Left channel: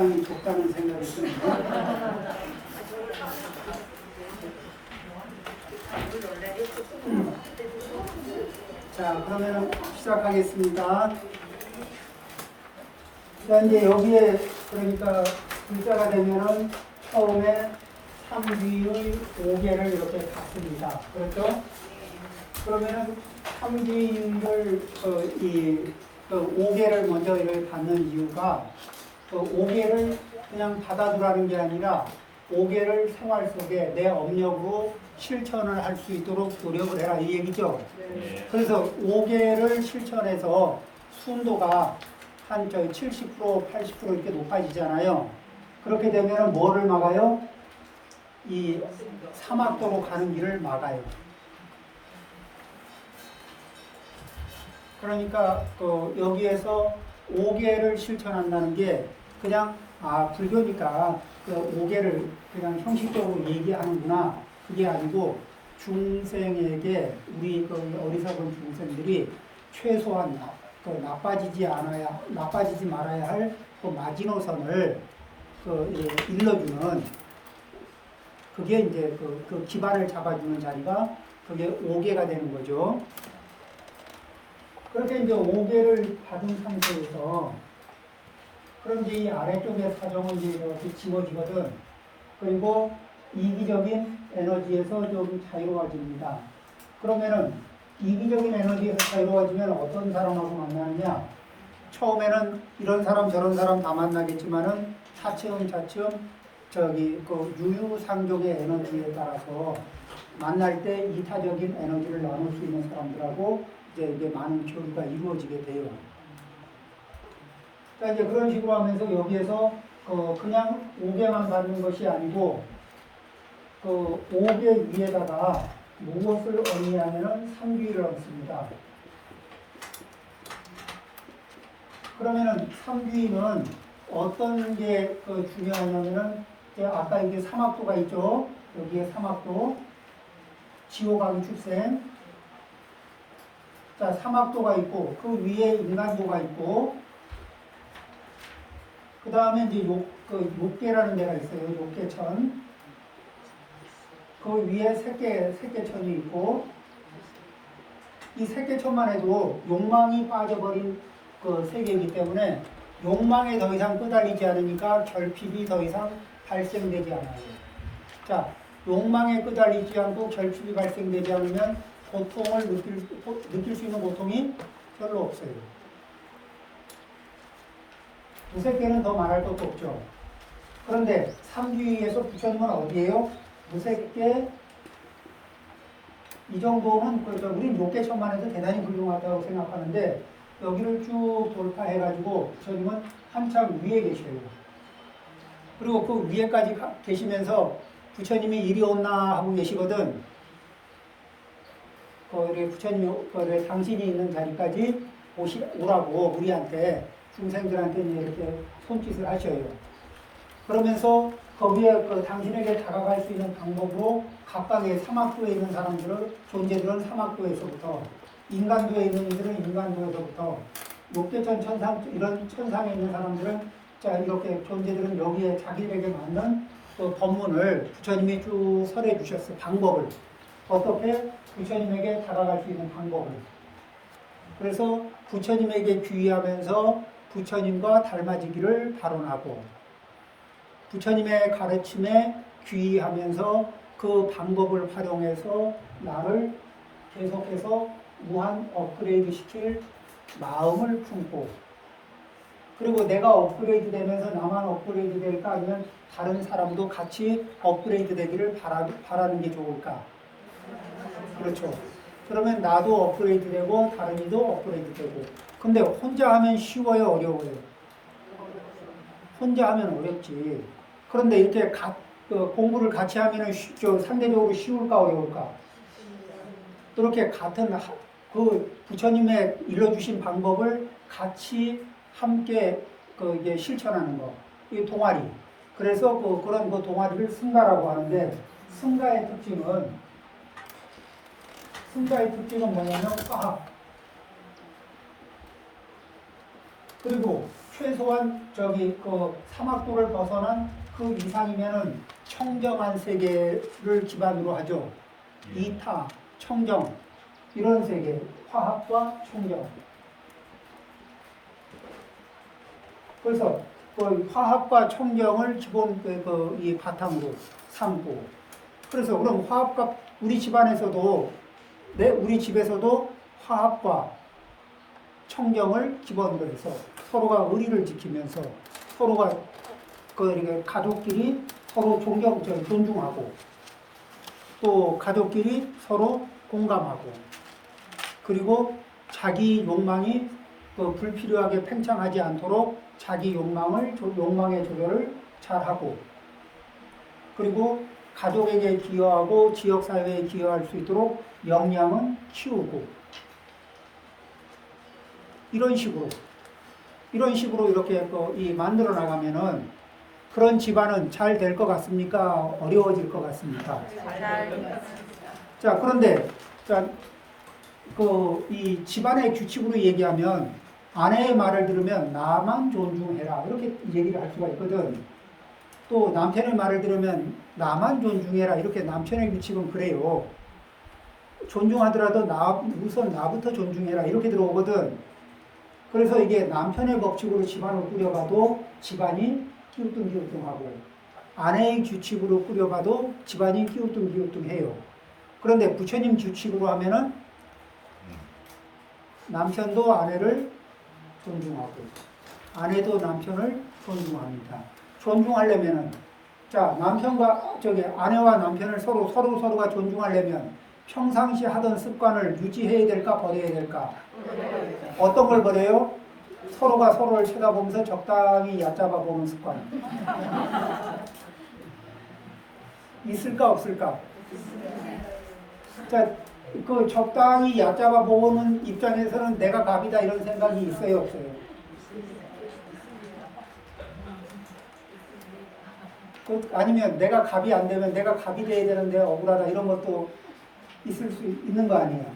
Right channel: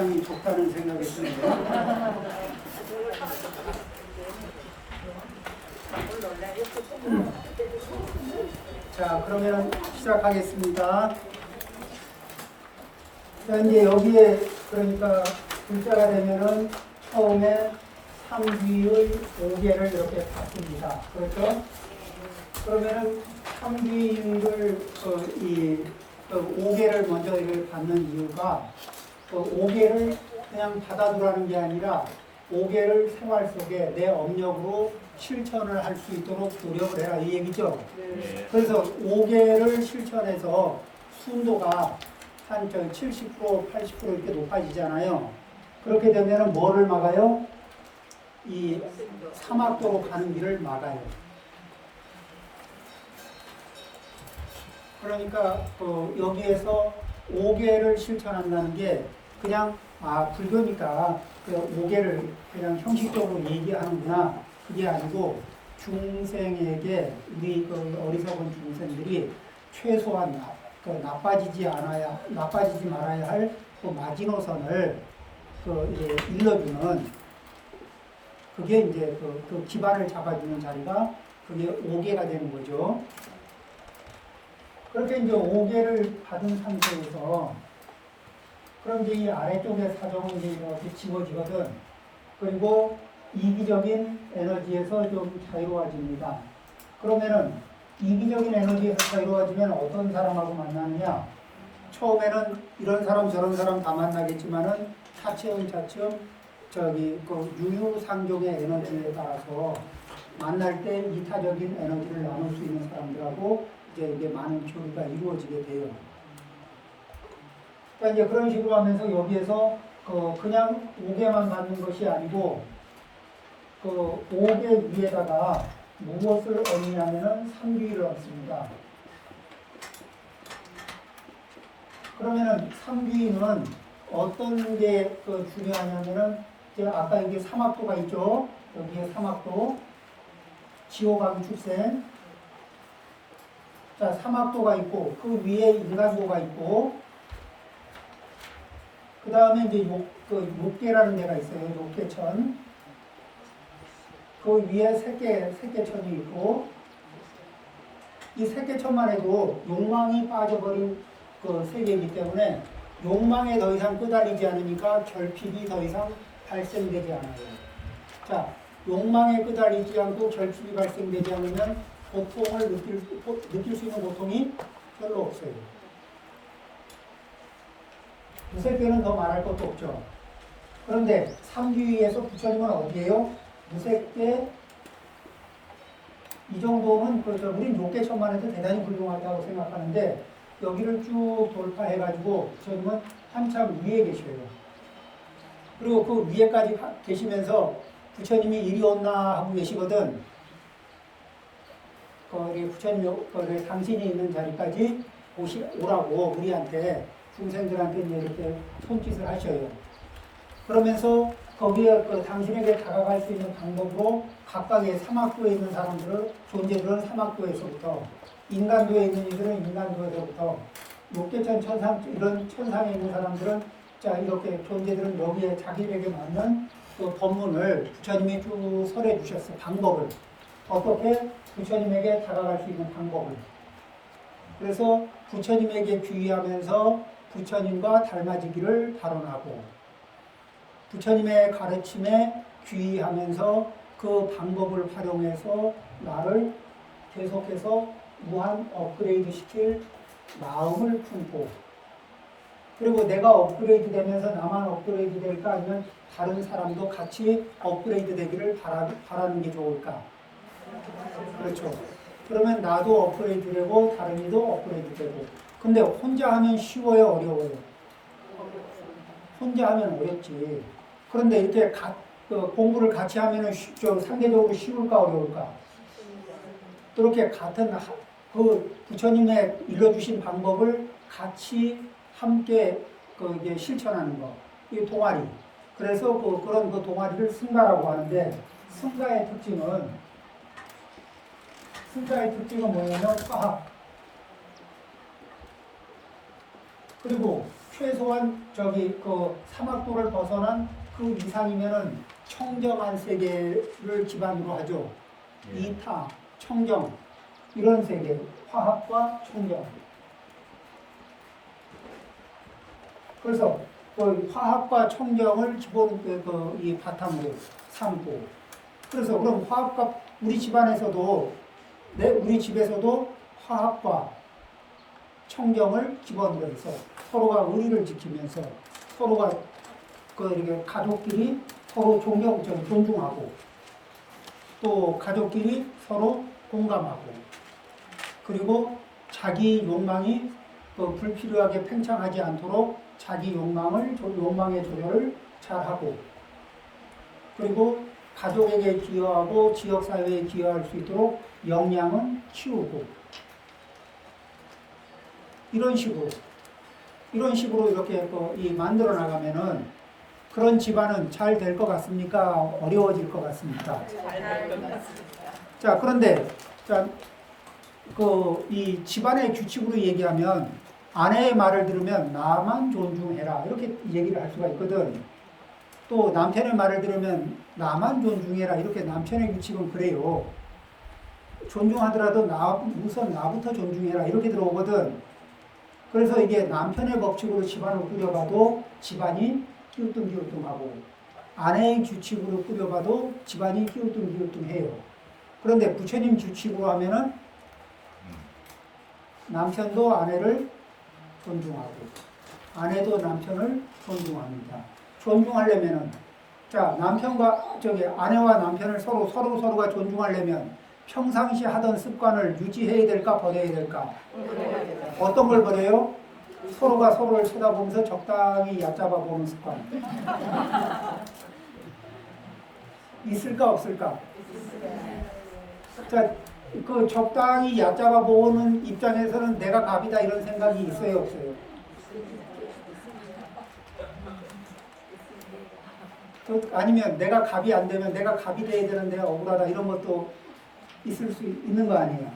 상당히 좁다는 생각이 드네요. 자, 그러면 시작하겠습니다. 자, 이제 여기에 그러니까 글자가 되면은 처음에 3귀의 5개를 이렇게 받습니다. 그렇죠? 그러면은 3귀를 이 5개를 먼저 이렇게 받는 이유가 5개를 그냥 받아두라는 게 아니라 5개를 생활 속에 내 업력으로 실천을 할 수 있도록 노력을 해라 이 얘기죠. 그래서 5개를 실천해서 순도가 한 70%, 80% 이렇게 높아지잖아요. 그렇게 되면 뭐를 막아요? 이 사막도로 가는 길을 막아요. 그러니까 여기에서 5개를 실천한다는 게 그냥 불교니까 그 5개를 그냥 형식적으로 얘기하는구나 그게 아니고 중생에게 우리 어리석은 중생들이 최소한 나빠지지 말아야 할 그 마지노선을 이제 일러주는 그게 이제 그 기반을 잡아주는 자리가 그게 5개가 되는 거죠. 그렇게 이제 5개를 받은 상태에서 그럼 이제 이 아래쪽의 사정은 이제 이렇게 지워지거든. 그리고 이기적인 에너지에서 좀 자유로워집니다. 그러면은 이기적인 에너지에서 자유로워지면 어떤 사람하고 만나느냐? 처음에는 이런 사람 저런 사람 다 만나겠지만은 차츰 유유상종의 에너지에 따라서 만날 때 이타적인 에너지를 나눌 수 있는 사람들하고 이제 많은 교류가 이루어지게 돼요. 그러니까 이제 그런 식으로 하면서 여기에서 그냥 5개만 받는 것이 아니고 5개 위에다가 무엇을 얹냐면은 3귀를 얹습니다. 그러면은 3귀는 어떤 게 중요하냐면은 아까 이게 사막도가 있죠. 여기에 사막도, 지옥왕 출생. 자, 사막도가 있고 그 위에 인간도가 있고 그 다음에 이제 욕계라는 데가 있어요. 욕계천. 그 위에 색계천이 있고 이 색계천만 해도 욕망이 빠져버린 그 세계이기 때문에 욕망에 더 이상 끄달리지 않으니까 결핍이 더 이상 발생되지 않아요. 자, 욕망에 끄달리지 않고 결핍이 발생되지 않으면 고통을 느낄 수 있는 고통이 별로 없어요. 두세 개는 더 말할 것도 없죠. 그런데 3귀에서 부처님은 어디에요? 무색계 이 정도는 우리 6개천만 해도 대단히 훌륭하다고 생각하는데 여기를 쭉 돌파해가지고 부처님은 한참 위에 계셔요. 그리고 그 위에까지 계시면서 부처님이 이리 온나 하고 계시거든. 부처님이 당신이 있는 자리까지 오라고 우리한테 중생들한테 이렇게 손짓을 하셔요. 그러면서 거기에 당신에게 다가갈 수 있는 방법으로 각각의 사막도에 있는 존재들은 사막도에서부터 인간도에 있는 이들은 인간도에서부터 욕계천 천상 이런 천상에 있는 사람들은 이렇게 존재들은 여기에 자기에게 맞는 그 법문을 부처님이 쭉 설해 주셨어. 방법을 어떻게 부처님에게 다가갈 수 있는 방법을. 그래서 부처님에게 귀의하면서 부처님과 닮아지기를 발언하고 부처님의 가르침에 귀의하면서 그 방법을 활용해서 나를 계속해서 무한 업그레이드 시킬 마음을 품고 그리고 내가 업그레이드 되면서 나만 업그레이드 될까 아니면 다른 사람도 같이 업그레이드 되기를 바라는 게 좋을까? 그렇죠. 그러면 나도 업그레이드 되고 다른 이도 업그레이드 되고 근데 혼자 하면 쉬워요 어려워요? 혼자 하면 어렵지. 그런데 이렇게 공부를 같이 하면 상대적으로 쉬울까 어려울까? 그렇게 같은 부처님의 일러주신 방법을 같이 함께 이제 실천하는 거. 이 동아리. 그래서 그런 동아리를 승가라고 하는데 승가의 특징은 뭐냐면 과학 그리고 최소한 저기 그 사막도를 벗어난 그 이상이면은 청정한 세계를 기반으로 하죠. 이타, 청정 이런 세계, 화합과 청정. 그래서 그 화합과 청정을 기본 이 바탕으로 삼고. 그래서 그럼 화합과 우리 집안에서도 우리 집에서도 화합과 청정을 기본으로 해서 서로가 의리를 지키면서 서로가 이렇게 가족끼리 서로 존중하고 또 가족끼리 서로 공감하고 그리고 자기 욕망이 불필요하게 팽창하지 않도록 자기 욕망의 조절을 잘하고 그리고 가족에게 기여하고 지역사회에 기여할 수 있도록 역량은 키우고 이런 식으로 이렇게 만들어 나가면은 그런 집안은 잘 될 것 같습니까? 어려워질 것 같습니까? 자, 그런데 이 집안의 규칙으로 얘기하면 아내의 말을 들으면 나만 존중해라 이렇게 얘기를 할 수가 있거든. 또 남편의 말을 들으면 나만 존중해라 이렇게 남편의 규칙은 그래요. 존중하더라도 우선 나부터 존중해라 이렇게 들어오거든. 그래서 이게 남편의 법칙으로 집안을 꾸려봐도 집안이 끼우뚱끼우뚱하고 아내의 규칙으로 꾸려봐도 집안이 끼우뚱끼우뚱해요. 그런데 부처님 규칙으로 하면은 남편도 아내를 존중하고 아내도 남편을 존중합니다. 존중하려면은 아내와 남편을 서로가 존중하려면 평상시 하던 습관을 유지해야 될까 버려야 될까? 어떤 걸 버려요? 서로가 서로를 쳐다보면서 적당히 얕잡아 보는 습관. 있을까 없을까? 자, 그 적당히 얕잡아 보는 입장에서는 내가 갑이다 이런 생각이 있어요 없어요? 아니면 내가 갑이 안 되면 내가 갑이 돼야 되는데 억울하다 이런 것도 있을 수 있는 거 아니냐.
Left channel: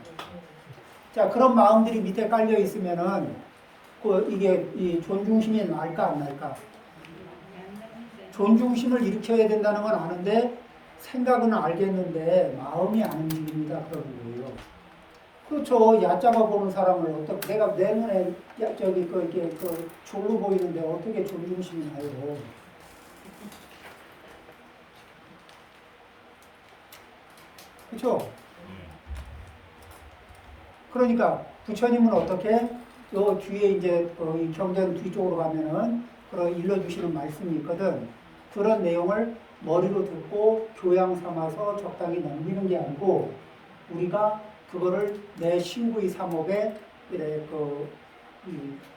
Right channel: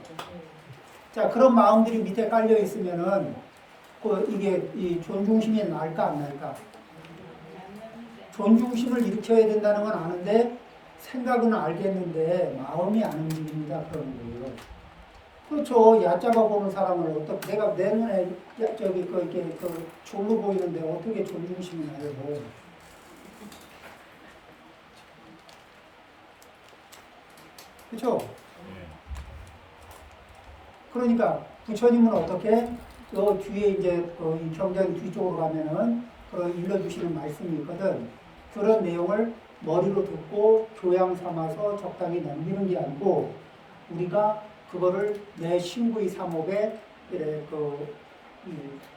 자, 그런 마음들이 밑에 깔려 있으면은 이게 이 존중심이 날까 안 날까? 존중심을 일으켜야 된다는 건 아는데 생각은 알겠는데 마음이 안 움직입니다. 그런 거예요. 그렇죠. 얕잡아 보는 사람을 어떻게 내가 내 눈에 이게 졸로 보이는데 어떻게 존중심이 나요? 그렇죠? 그러니까 부처님은 어떻게 저 뒤에 이제 이 경전 뒤쪽으로 가면은 일러주시는 말씀이 있거든. 그런 내용을 머리로 듣고 교양 삼아서 적당히 넘기는 게 아니고 우리가 그거를 내 신구의 삼업에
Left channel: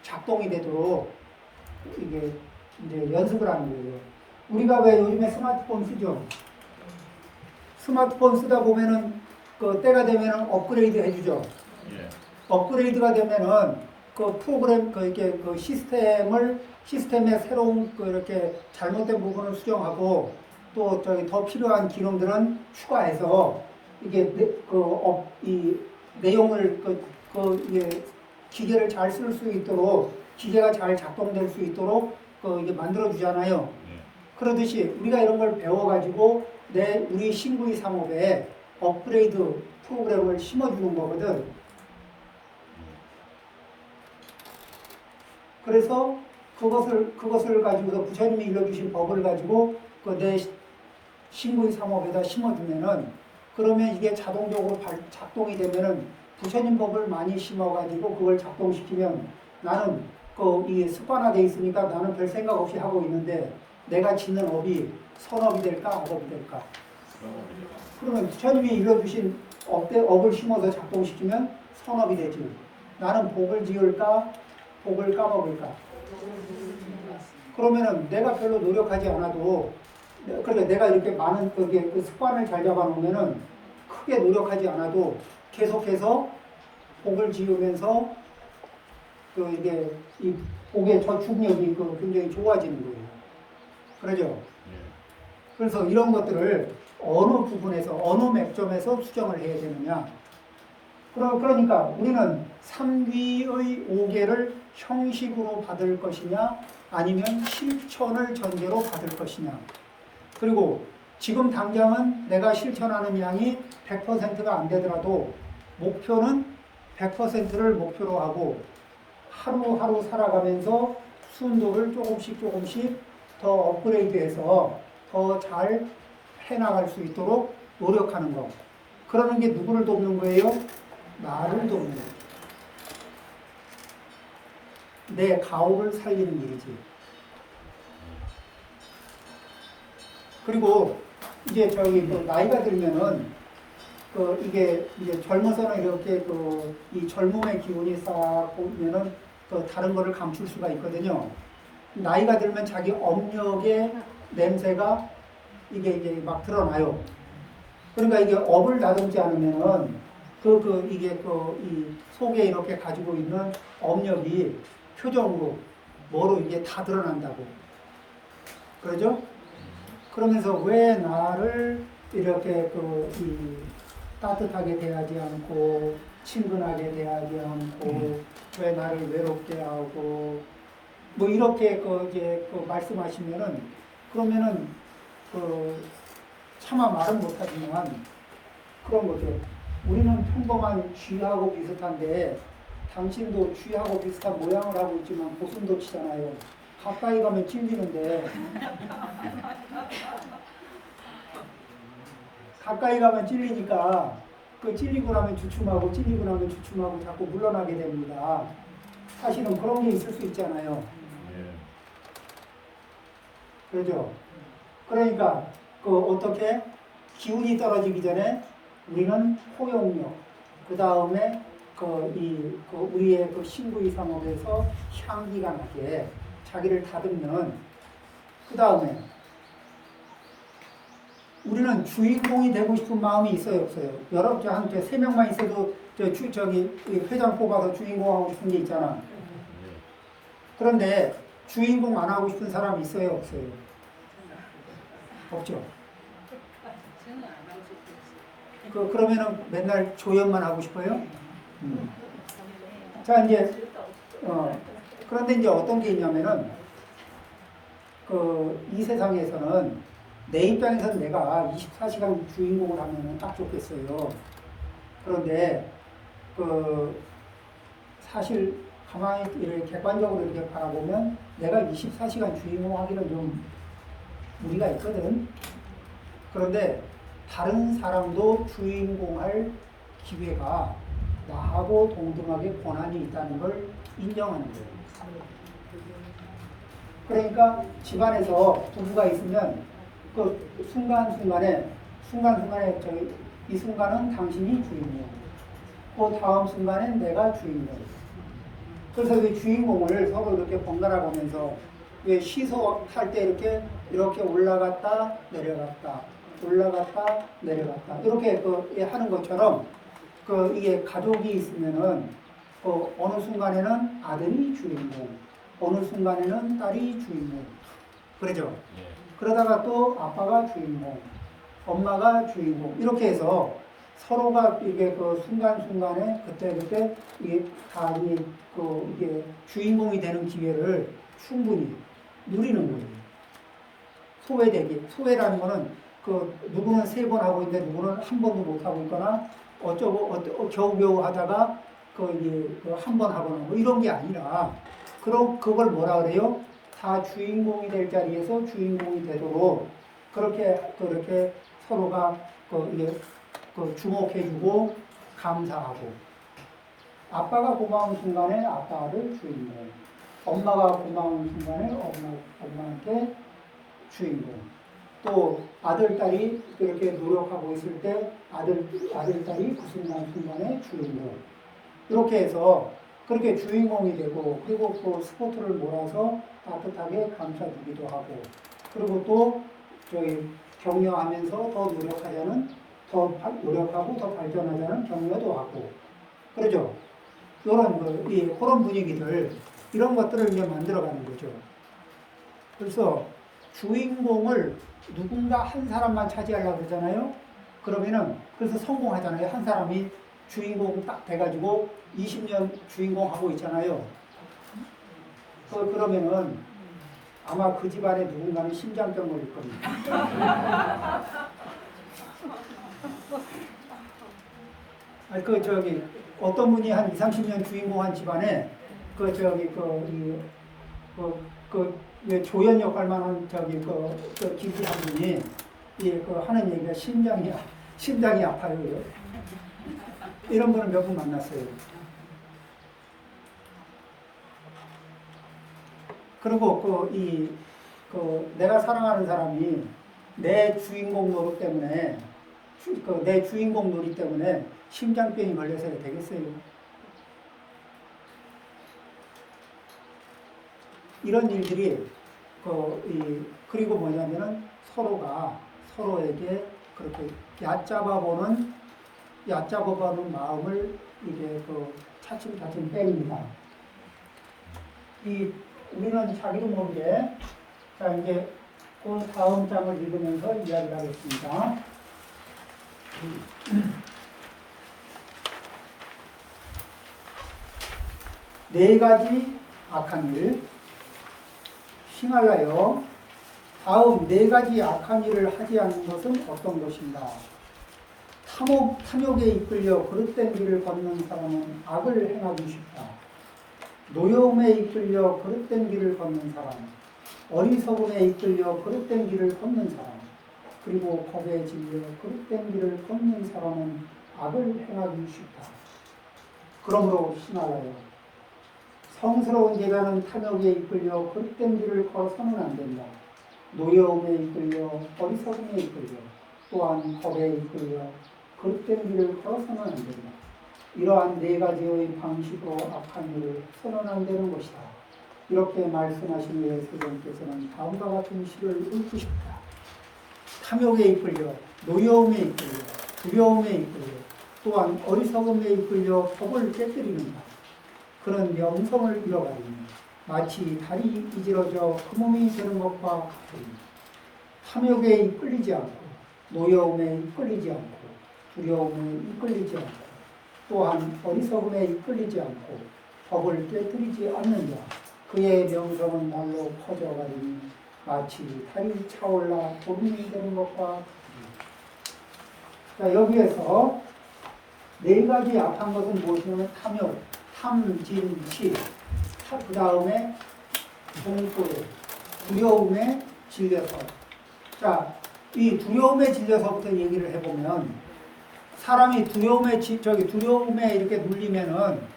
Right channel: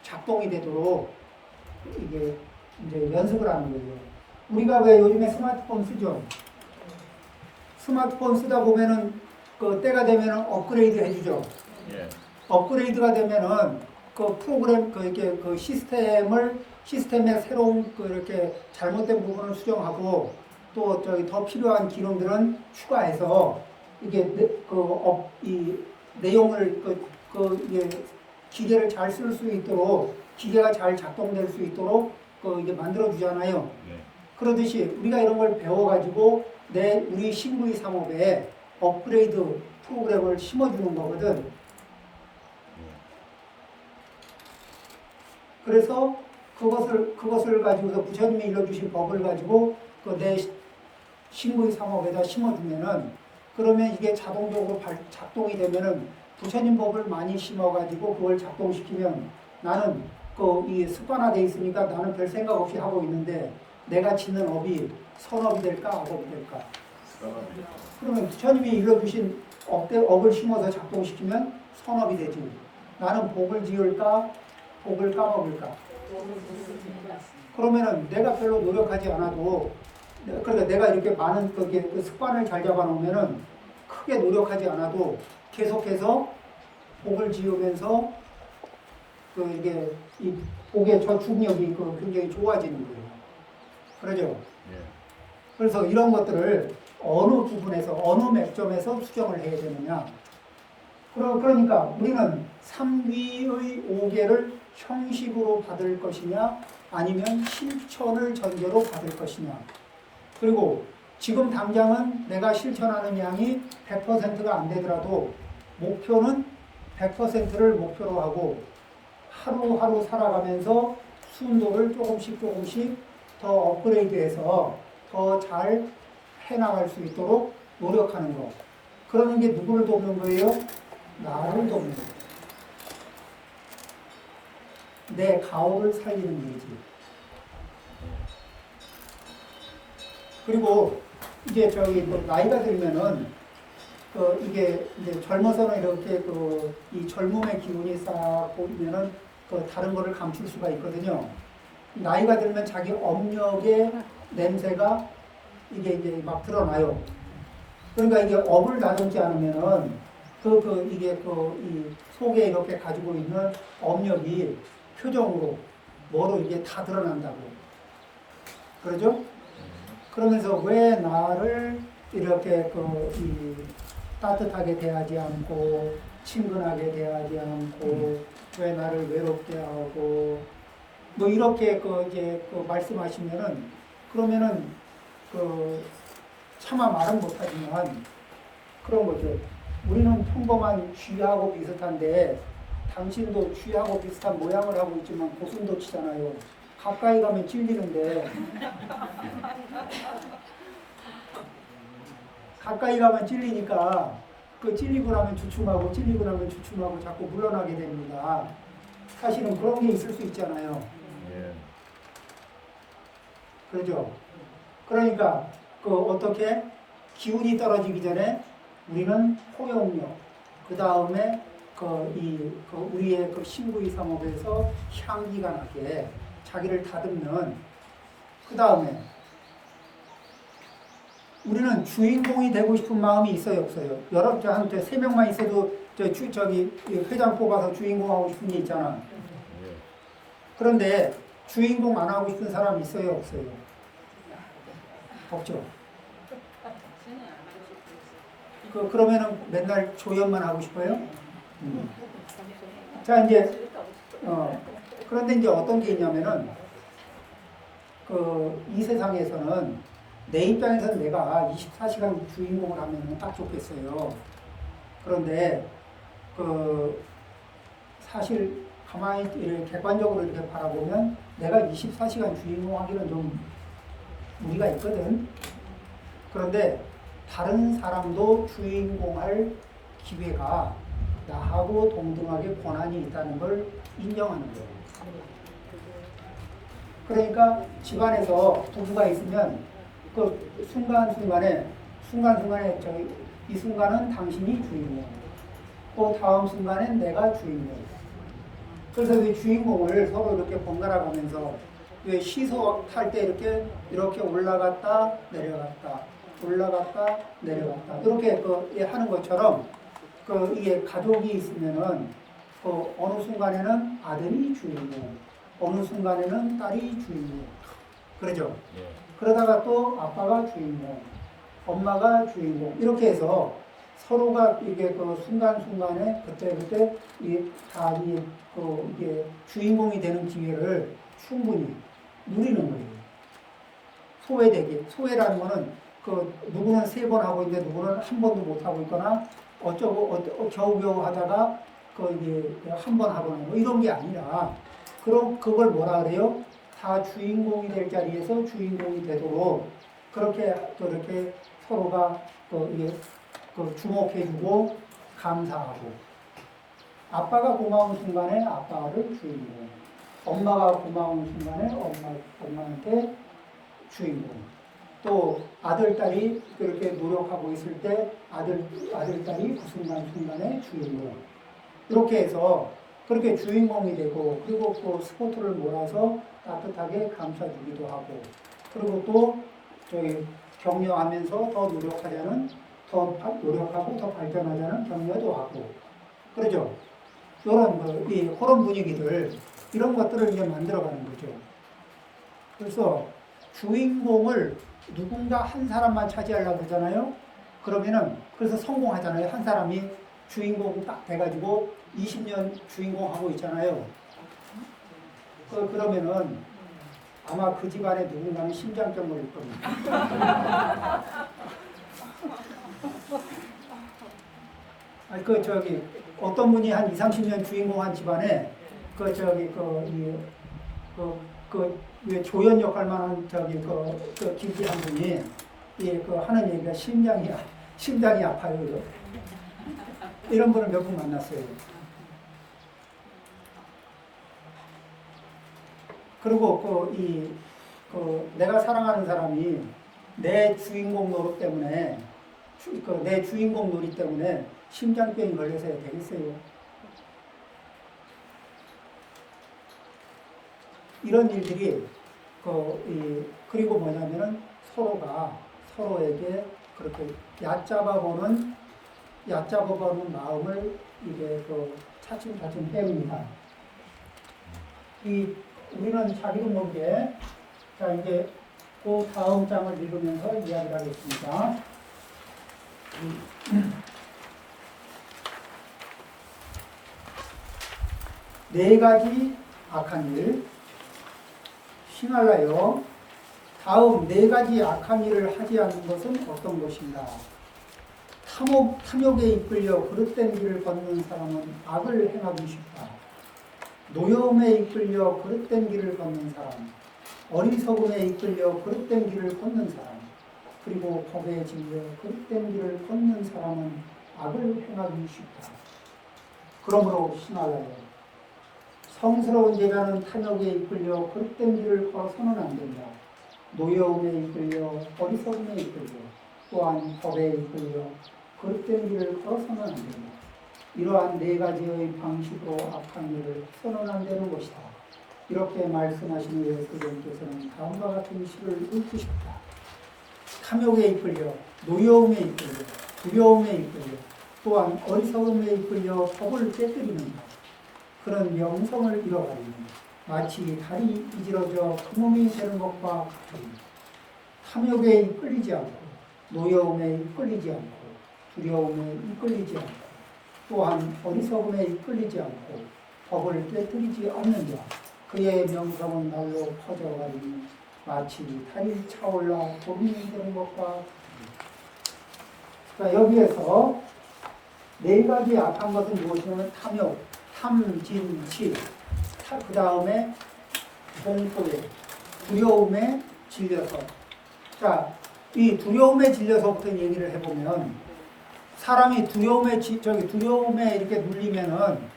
작동이 되도록 이게 이제 연습을 하는 거예요. 우리가 왜 요즘에 스마트폰 쓰죠? 스마트폰 쓰다 보면은 때가 되면은 업그레이드 해주죠. 예. 업그레이드가 되면은 그 프로그램 시스템의 새로운 이렇게 잘못된 부분을 수정하고 또 더 필요한 기능들은 추가해서 이게 이 내용을 이게 기계를 잘 쓸 수 있도록 기계가 잘 작동될 수 있도록 이게 만들어 주잖아요. 네. 그러듯이 우리가 이런 걸 배워가지고 우리 신구의 삼업에 업그레이드 프로그램을 심어주는 거거든. 그래서 그것을 가지고서 부처님이 일러주신 법을 가지고 내 신구의 삼업에다 심어주면은 그러면 이게 자동적으로 작동이 되면은 부처님 법을 많이 심어가지고 그걸 작동시키면 나는 이 습관화돼 있으니까 나는 별 생각 없이 하고 있는데 내가 짓는 업이 선업이 될까 악업이 될까? 그러면 부처님이 일러주신 업을 심어서 작동시키면 선업이 되지. 나는 복을 지을까 복을 까먹을까? 그러면은 내가 별로 노력하지 않아도 그러니까 내가 이렇게 많은 그 습관을 잘 잡아놓으면은 크게 노력하지 않아도 계속해서 복을 지으면서 이게 이 복의 저축력이 굉장히 좋아지는 거예요. 그러죠? 네. 그래서 이런 것들을 어느 부분에서 어느 맥점에서 수정을 해야 되느냐? 그러니까 우리는 삼귀의 오계를 형식으로 받을 것이냐 아니면 실천을 전제로 받을 것이냐. 그리고 지금 당장은 내가 실천하는 양이 100%가 안 되더라도 목표는 100%를 목표로 하고 하루하루 살아가면서 순도를 조금씩 더 업그레이드해서 더 잘 해나갈 수 있도록 노력하는 거. 그러는 게 누구를 돕는 거예요? 나를 돕는 거예요. 내 가오를 살리는 일이지. 그리고 이제 나이가 들면은 이게 이제 젊어서는 이렇게 이 젊음의 기운이 싹 보면은 다른 거를 감출 수가 있거든요. 나이가 들면 자기 업력의 냄새가 이게 이제 막 드러나요. 그러니까 이게 업을 다듬지 않으면은 이 속에 이렇게 가지고 있는 업력이 표정으로 뭐로 이게 다 드러난다고. 그러죠? 그러면서 왜 나를 이렇게 따뜻하게 대하지 않고 친근하게 대하지 않고 왜 나를 외롭게 하고 뭐 이렇게 이제 말씀하시면은 그러면은 차마 말은 못하지만 그런 거죠. 우리는 평범한 쥐하고 비슷한데 당신도 쥐하고 비슷한 모양을 하고 있지만 고슴도치잖아요. 가까이 가면 찔리는데 가까이 가면 찔리니까 찔리고 나면 주춤하고 찔리고 나면 주춤하고 자꾸 물러나게 됩니다. 사실은 그런 게 있을 수 있잖아요. 그렇죠? 그러니까 어떻게 기운이 떨어지기 전에 우리는 포용력, 그 다음에 우리의 신구이 상업에서 향기가 나게 자기를 다듬는, 그 다음에 우리는 주인공이 되고 싶은 마음이 있어요, 없어요? 여러분한테 3명만 있어도 회장 뽑아서 주인공 하고 싶은 게 있잖아. 그런데 주인공 안 하고 싶은 사람이 있어요, 없어요? 없죠. 그러면은 맨날 조연만 하고 싶어요? 자, 이제 그런데 이제 어떤 게 있냐면은 이 세상에서는 내 입장에서는 내가 24시간 주인공을 하면 딱 좋겠어요. 그런데 사실 가만히 이렇게 객관적으로 이렇게 바라보면 내가 24시간 주인공 하기는 좀 무리가 있거든. 그런데 다른 사람도 주인공 할 기회가 나하고 동등하게 권한이 있다는 걸 인정하는 거예요. 그러니까 집안에서 부부가 있으면 순간순간에 이 순간은 당신이 주인공, 그 다음 순간엔 내가 주인공. 그래서 그 주인공을 서로 이렇게 번갈아 가면서 왜 시소 탈 때 이렇게 올라갔다 내려갔다 올라갔다 내려갔다 이렇게 하는 것처럼 이게 가족이 있으면은 어느 순간에는 아들이 주인공, 어느 순간에는 딸이 주인공. 그러죠? 그러다가 또 아빠가 주인공, 엄마가 주인공, 이렇게 해서 서로가 이게 순간순간에 그때 이게 주인공이 되는 기회를 충분히 누리는 거예요. 소외라는 거는 누구는 3번 하고 있는데 누구는 한 번도 못 하고 있거나 겨우겨우 하다가 한 번 하거나 뭐 이런 게 아니라 그걸 뭐라 그래요? 다 주인공이 될 자리에서 주인공이 되도록 그렇게 서로가 주목해주고 감사하고, 아빠가 고마운 순간에 아빠를 주인공, 엄마가 고마운 순간에 엄마한테 주인공, 또 아들, 딸이 그렇게 노력하고 있을 때 아들, 딸이 그 순간에 주인공. 이렇게 해서 그렇게 주인공이 되고, 그리고 스포트를 몰아서 따뜻하게 감싸주기도 하고, 그리고 또 격려하면서 더 노력하고 더 발전하자는 격려도 하고, 그러죠? 그런 분위기들, 이런 것들을 이제 만들어가는 거죠. 그래서 주인공을 누군가 한 사람만 차지하려고 그러잖아요. 그래서 성공하잖아요. 한 사람이 주인공 딱 돼가지고 20년 주인공 하고 있잖아요. 그러면은 아마 그 집안에 누군가는 심장병 걸릴 겁니다. 아니, 어떤 분이 한 2, 30년 주인공 한 집안에, 왜 조연 역할만 한 김씨 한 분이, 하는 얘기가 심장이 아파요. 이런 분을 몇 분 만났어요. 그리고 내가 사랑하는 사람이 내 주인공 노릇 때문에, 내 주인공 놀이 때문에 심장병이 걸려서 되겠어요. 이런 일들이, 그리고 뭐냐면은 서로가 서로에게 그렇게 얕잡아보는 마음을 이게 차츰차츰 빼입니다. 우리는 자기도 모르게, 자, 이제 그 다음 장을 읽으면서 이야기를 하겠습니다. 네 가지 악한 일, 싱할라여, 다음 네 가지 악한 일을 하지 않는 것은 어떤 것인가? 탐욕에 이끌려 그릇된 길을 걷는 사람은 악을 행하기 쉽다. 노여움에 이끌려 그릇된 길을 걷는 사람, 어리석음에 이끌려 그릇된 길을 걷는 사람, 그리고 겁에 질려 그릇된 길을 걷는 사람은 악을 행하기 쉽다. 그러므로 싱할라여, 성스러운 제자는 탐욕에 이끌려 그릇된 길을 걸어서는 안 된다. 노여움에 이끌려 어리석음에 이끌려 또한 겁에 이끌려 그릇된 길을 걸어서는 안 된다. 이러한 네 가지의 방식으로 악한 일을 해서는 안 되는 것이다. 이렇게 말씀하신 후에 세존께서는 다음과 같은 시를 읊으셨다. 탐욕에 이끌려 노여움에 이끌려 두려움에 이끌려 또한 어리석음에 이끌려 법을 깨뜨리는 자, 그런 명성을 잃어가리니 마치 달이 이지러져 그 몸이 되는 것과 같으니 탐욕에 이끌리지 않고 노여움에 이끌리지 않고 두려움에 이끌리지 않고 또한 어리석음에 이끌리지 않고 법을 깨뜨리지 않는 자, 그의 명성은 날로 퍼져가리니 마치 달이 차올라 봄이 되는 것과 같으니. 자, 여기에서 네 가지 악한 것은 무엇이냐면 탐욕, 탐진치, 그 다음에 공포에, 두려움에 질려서. 자, 이 두려움에 질려서부터 얘기를 해보면, 사람이 두려움에 이렇게 눌리면은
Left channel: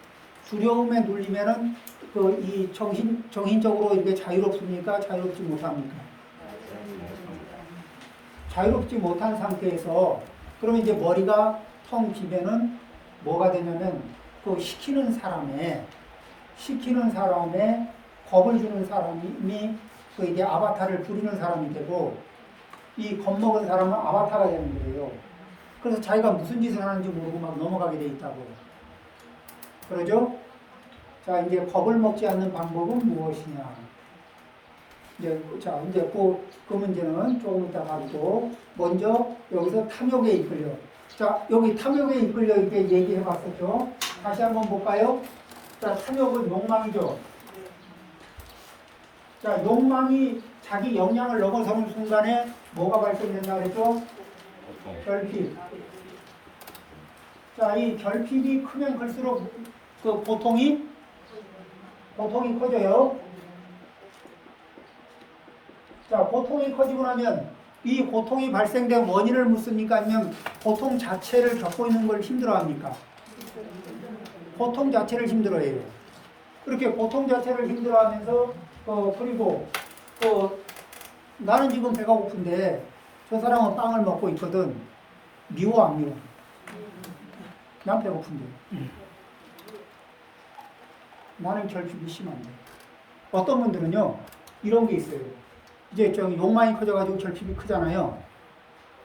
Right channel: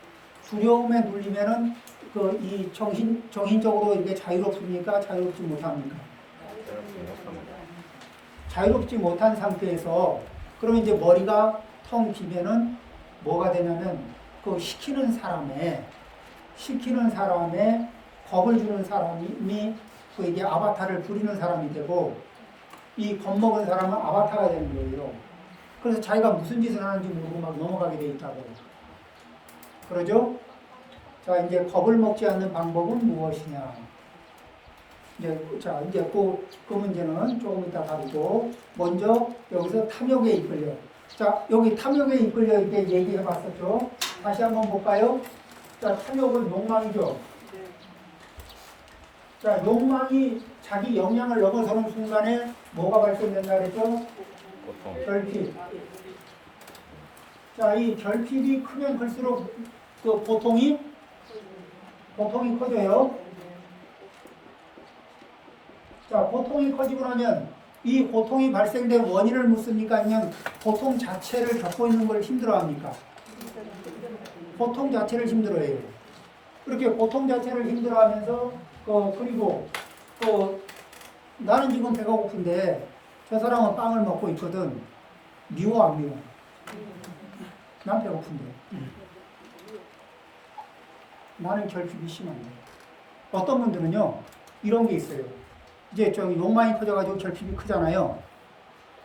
이 정신적으로 이렇게 자유롭습니까? 자유롭지 못합니까? 자유롭지 못한 상태에서, 그러면 이제 머리가 텅 비면은 뭐가 되냐면, 시키는 사람의 겁을 주는 사람이 이게 아바타를 부리는 사람이 되고, 이 겁먹은 사람은 아바타가 되는 거예요. 그래서 자기가 무슨 짓을 하는지 모르고 막 넘어가게 돼 있다고. 그러죠? 자, 이제 겁을 먹지 않는 방법은 무엇이냐? 자, 이제 그 문제는 조금 이따 다루고, 먼저 여기서 탐욕에 이끌려. 자, 여기 탐욕에 이끌려 이렇게 얘기해 봤었죠? 다시 한번 볼까요? 자, 탐욕은 욕망이죠. 자, 욕망이 자기 역량을 넘어서는 순간에 뭐가 발생된다 그랬죠? 결핍. 자, 이 결핍이 크면 클수록 고통이 커져요. 자, 고통이 커지고 나면 이 고통이 발생된 원인을 묻습니까? 아니면 고통 자체를 겪고 있는 걸 힘들어합니까? 고통 자체를 힘들어해요. 그렇게 고통 자체를 힘들어하면서 그리고 나는 지금 배가 고픈데 저 사람은 빵을 먹고 있거든. 미워 안 미워? 난 배고픈데. 나는 결핍이 심한데. 어떤 분들은요, 이런 게 있어요. 이제 욕망이 커져가지고 결핍이 크잖아요.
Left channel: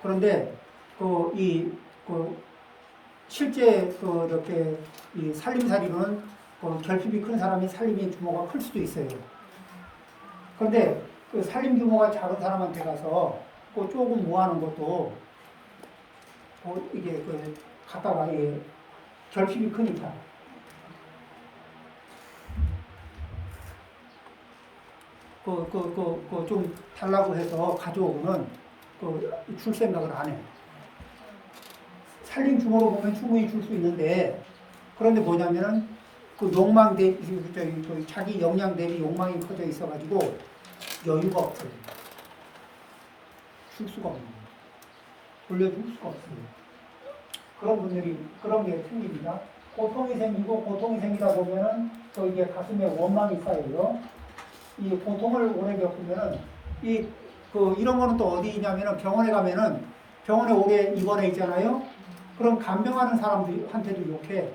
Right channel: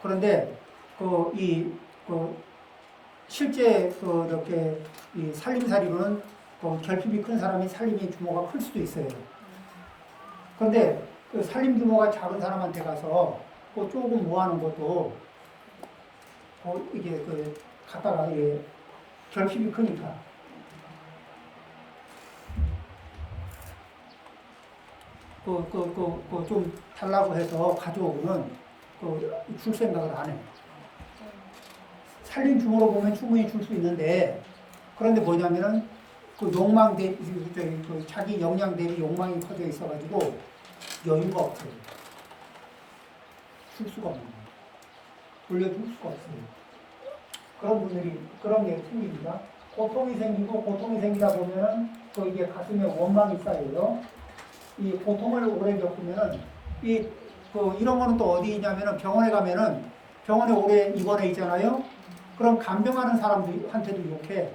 그런데 실제 이렇게 이 살림살이로는 결핍이 큰 사람이 살림의 규모가 클 수도 있어요. 그런데 그 살림 규모가 작은 사람한테 가서 조금 모아놓은 것도 이게 갖다가 결핍이 크니까. 좀 달라고 해서 가져오고는 줄 생각을 안 해. 살림 주모로 보면 충분히 줄 수 있는데, 그런데 뭐냐면은 그 욕망 대비, 자기 역량 대비 욕망이 커져 있어가지고 여유가 없어요. 줄 수가 없는 거예요. 돌려줄 수가 없어요. 그런 분들이, 그런 게 생깁니다. 고통이 생기고, 고통이 생기다 보면은 이게 가슴에 원망이 쌓여요. 이 고통을 오래 겪으면은 이런 거는 또 어디 있냐면은 병원에 가면은 병원에 오래 입원해 있잖아요. 그럼 간병하는 사람들한테도 욕해.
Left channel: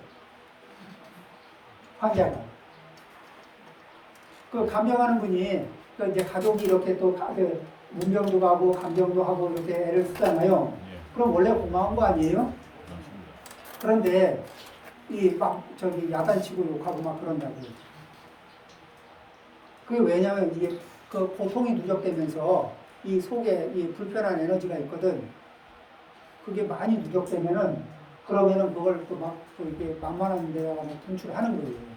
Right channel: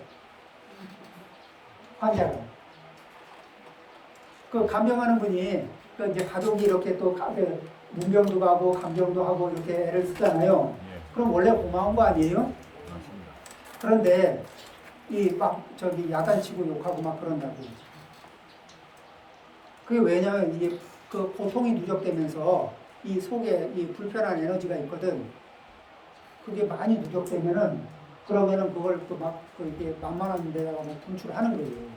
환자가. 그 간병하는 분이 이제 가족이 이렇게 또 문병도 가고 간병도 하고 이렇게 애를 쓰잖아요. 그럼 원래 고마운 거 아니에요? 그런데 야단치고 욕하고 막 그런다고. 그게 왜냐면 이게 그 고통이 누적되면서 이 속에 이 불편한 에너지가 있거든. 그게 많이 누적되면은 그러면은 그걸 이게 만만한 데다가 막 분출하는 거예요.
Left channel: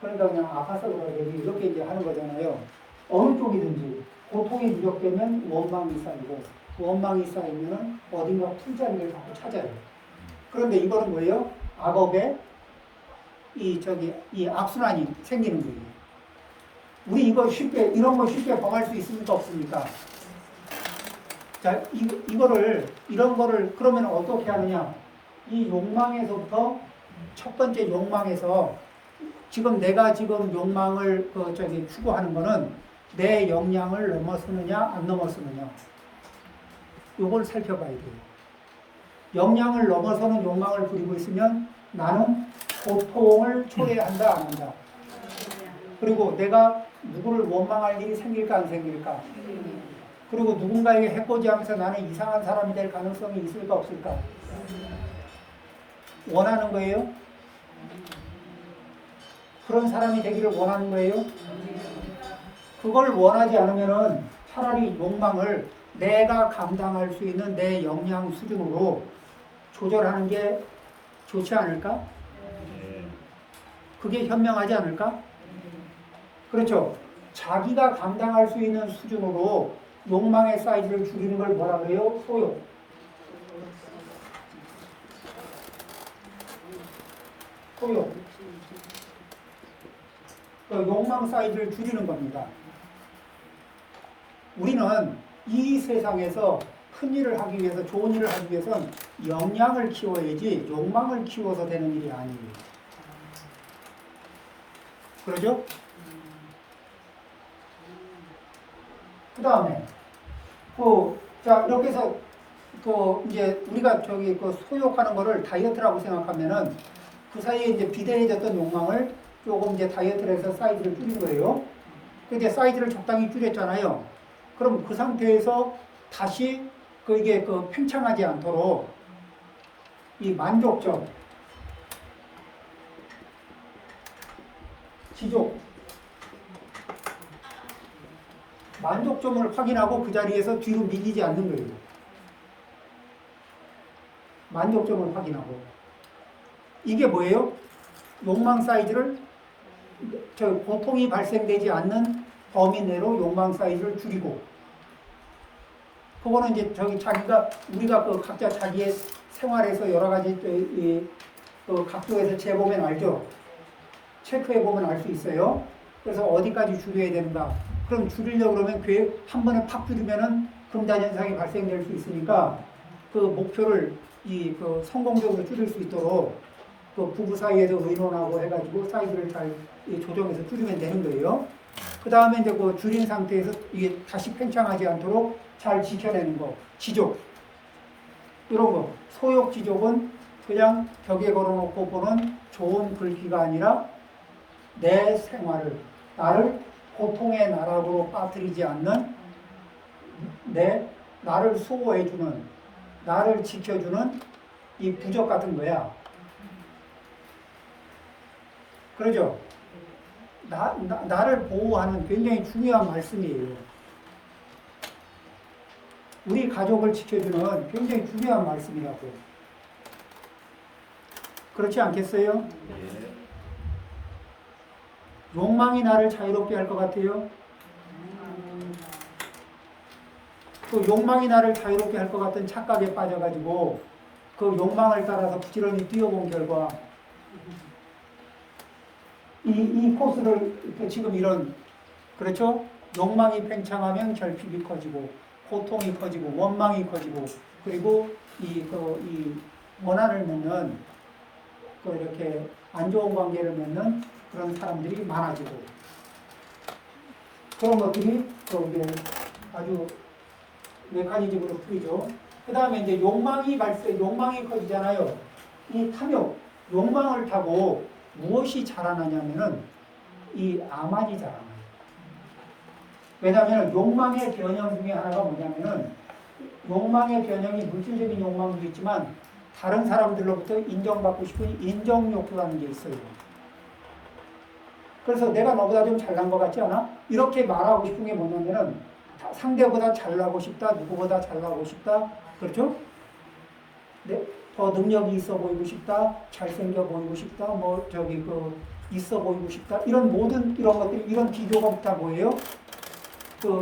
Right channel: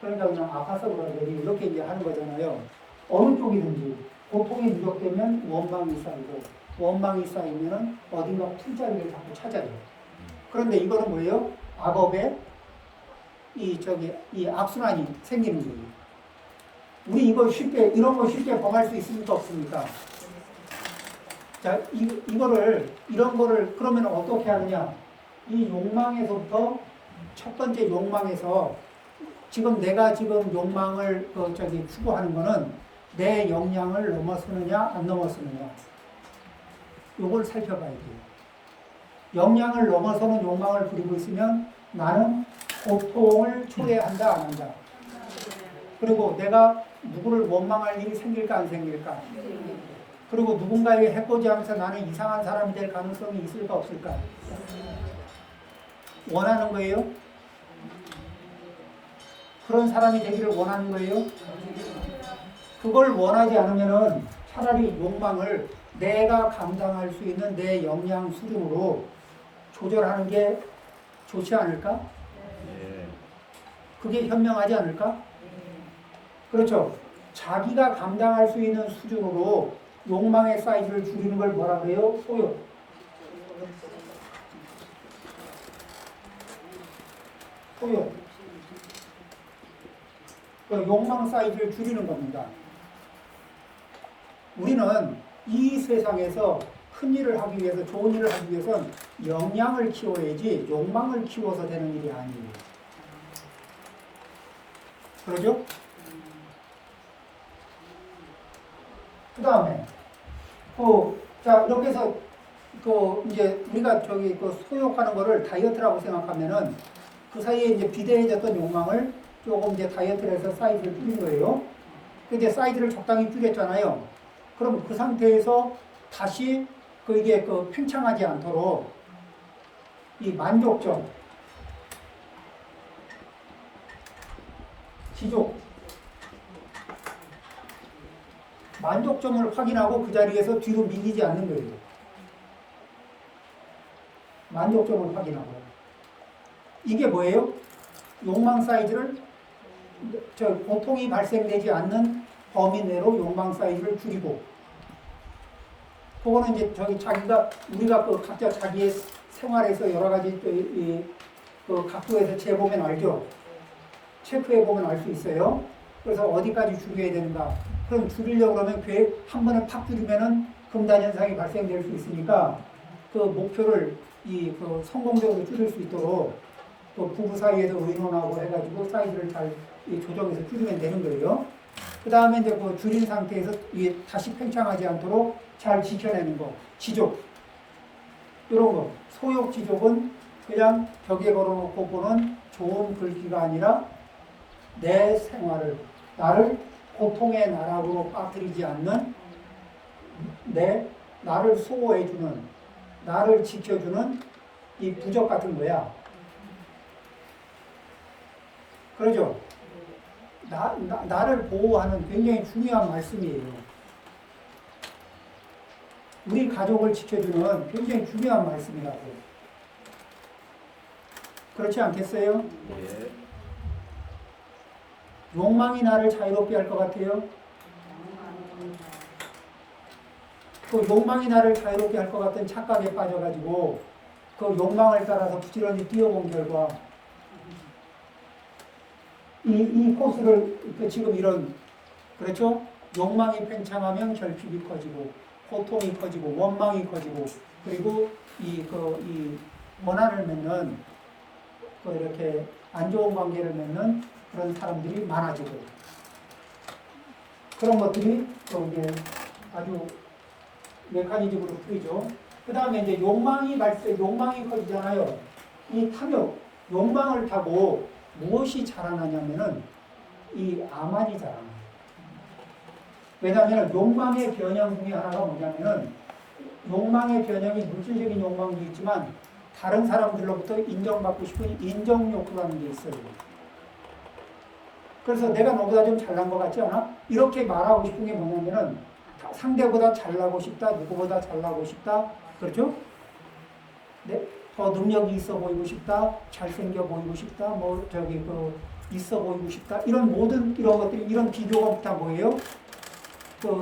그러니까 그냥 아파서 그러더니 이렇게 이제 하는 거잖아요. 어느 쪽이든지 고통이 누적되면 원망이 쌓이고 원망이 쌓이면은 어딘가 풀자리를 자꾸 찾아요. 그런데 이거는 뭐예요? 악업에 이 악순환이 생기는 거예요. 우리 이런 거 쉽게 범할 수 있습니까? 없습니까? 자, 이런 거를 그러면 어떻게 하느냐? 이 욕망에서부터 첫 번째 욕망에서 내가 지금 욕망을 추구하는 거는 내 역량을 넘어서느냐 안 넘어서느냐. 요걸 살펴봐야 돼요. 역량을 넘어서는 욕망을 부리고 있으면 나는 고통을 초래한다 안 한다. 그리고 내가 누구를 원망할 일이 생길까 안 생길까. 그리고 누군가에게 해코지하면서 나는 이상한 사람이 될 가능성이 있을까 없을까. 원하는 거예요? 그런 사람이 되기를 원하는 거예요? 그걸 원하지 않으면은 차라리 욕망을 내가 감당할 수 있는 내 역량 수준으로 조절하는 게 좋지 않을까? 그게 현명하지 않을까? 그렇죠. 자기가 감당할 수 있는 수준으로 욕망의 사이즈를 줄이는 걸 뭐라 그래요? 소욕. 소욕. 그 욕망 사이즈를 줄이는 겁니다. 우리는 이 세상에서 큰 일을 하기 위해서, 좋은 일을 하기 위해서는 역량을 키워야지 욕망을 키워서 되는 일이 아니에요. 그러죠? 그 다음에, 이렇게 해서, 이제 우리가 소욕하는 거를 다이어트라고 생각하면은 그 사이에 이제 비대해졌던 욕망을 조금 이제 다이어트를 해서 사이즈를 줄인 거예요. 이제 사이즈를 적당히 줄였잖아요. 그럼 그 상태에서 다시 이게 팽창하지 않도록 이 만족점, 지족, 만족점을 확인하고 그 자리에서 뒤로 밀리지 않는 거예요. 만족점을 확인하고. 이게 뭐예요? 욕망 사이즈를 고통이 발생되지 않는 범위 내로 욕망 사이즈를 줄이고, 그거는 이제 우리가 각자 자기의 생활에서 여러 가지 각도에서 재보면 알죠. 체크해 보면 알 수 있어요. 그래서 어디까지 줄여야 되는가. 그럼 줄이려고 그러면 한 번에 팍 줄이면은 금단 현상이 발생될 수 있으니까 그 목표를 성공적으로 줄일 수 있도록 부부 사이에도 의논하고 해가지고 사이즈를 잘 조정해서 줄이면 되는 거예요. 그 다음에 이제 줄인 상태에서 이게 다시 팽창하지 않도록 잘 지켜내는 거, 지족. 이런 거. 소욕 지족은 그냥 벽에 걸어놓고 보는 좋은 글귀가 아니라 내 생활을, 나를 고통의 나락으로 빠뜨리지 않는 나를 수호해주는, 나를 지켜주는 이 부적 같은 거야. 그러죠? 나를 보호하는 굉장히 중요한 말씀이에요. 우리 가족을 지켜주는 굉장히 중요한 말씀이라고. 그렇지 않겠어요? 욕망이 나를 자유롭게 할 것 같아요? 그 욕망이 나를 자유롭게 할 것 같은 착각에 빠져가지고 그 욕망을 따라서 부지런히 뛰어본 결과 이 코스를 지금 이런 그렇죠? 욕망이 팽창하면 결핍이 커지고 고통이 커지고 원망이 커지고 그리고 이 원한을 맺는 이렇게 안 좋은 관계를 맺는 그런 사람들이 많아지고 그런 것들이 이게 아주 메커니즘으로 풀리죠. 그 다음에 이제 욕망이 커지잖아요. 이 탐욕, 욕망을 타고 무엇이 자라나냐면은 이 암환이 자라나요. 왜냐하면 욕망의 변형 중에 하나가 뭐냐면은 욕망의 변형이 물질적인 욕망도 있지만 다른 사람들로부터 인정받고 싶은 인정욕구라는 게 있어요. 그래서 내가 너보다 좀 잘난 것 같지 않아? 이렇게 말하고 싶은 게 뭐냐면은 상대보다 잘나고 싶다, 누구보다 잘나고 싶다, 그렇죠? 더 능력이 있어 보이고 싶다, 잘생겨 보이고 싶다, 있어 보이고 싶다, 이런 모든 이런 것들이 이런 비교가 다 뭐예요?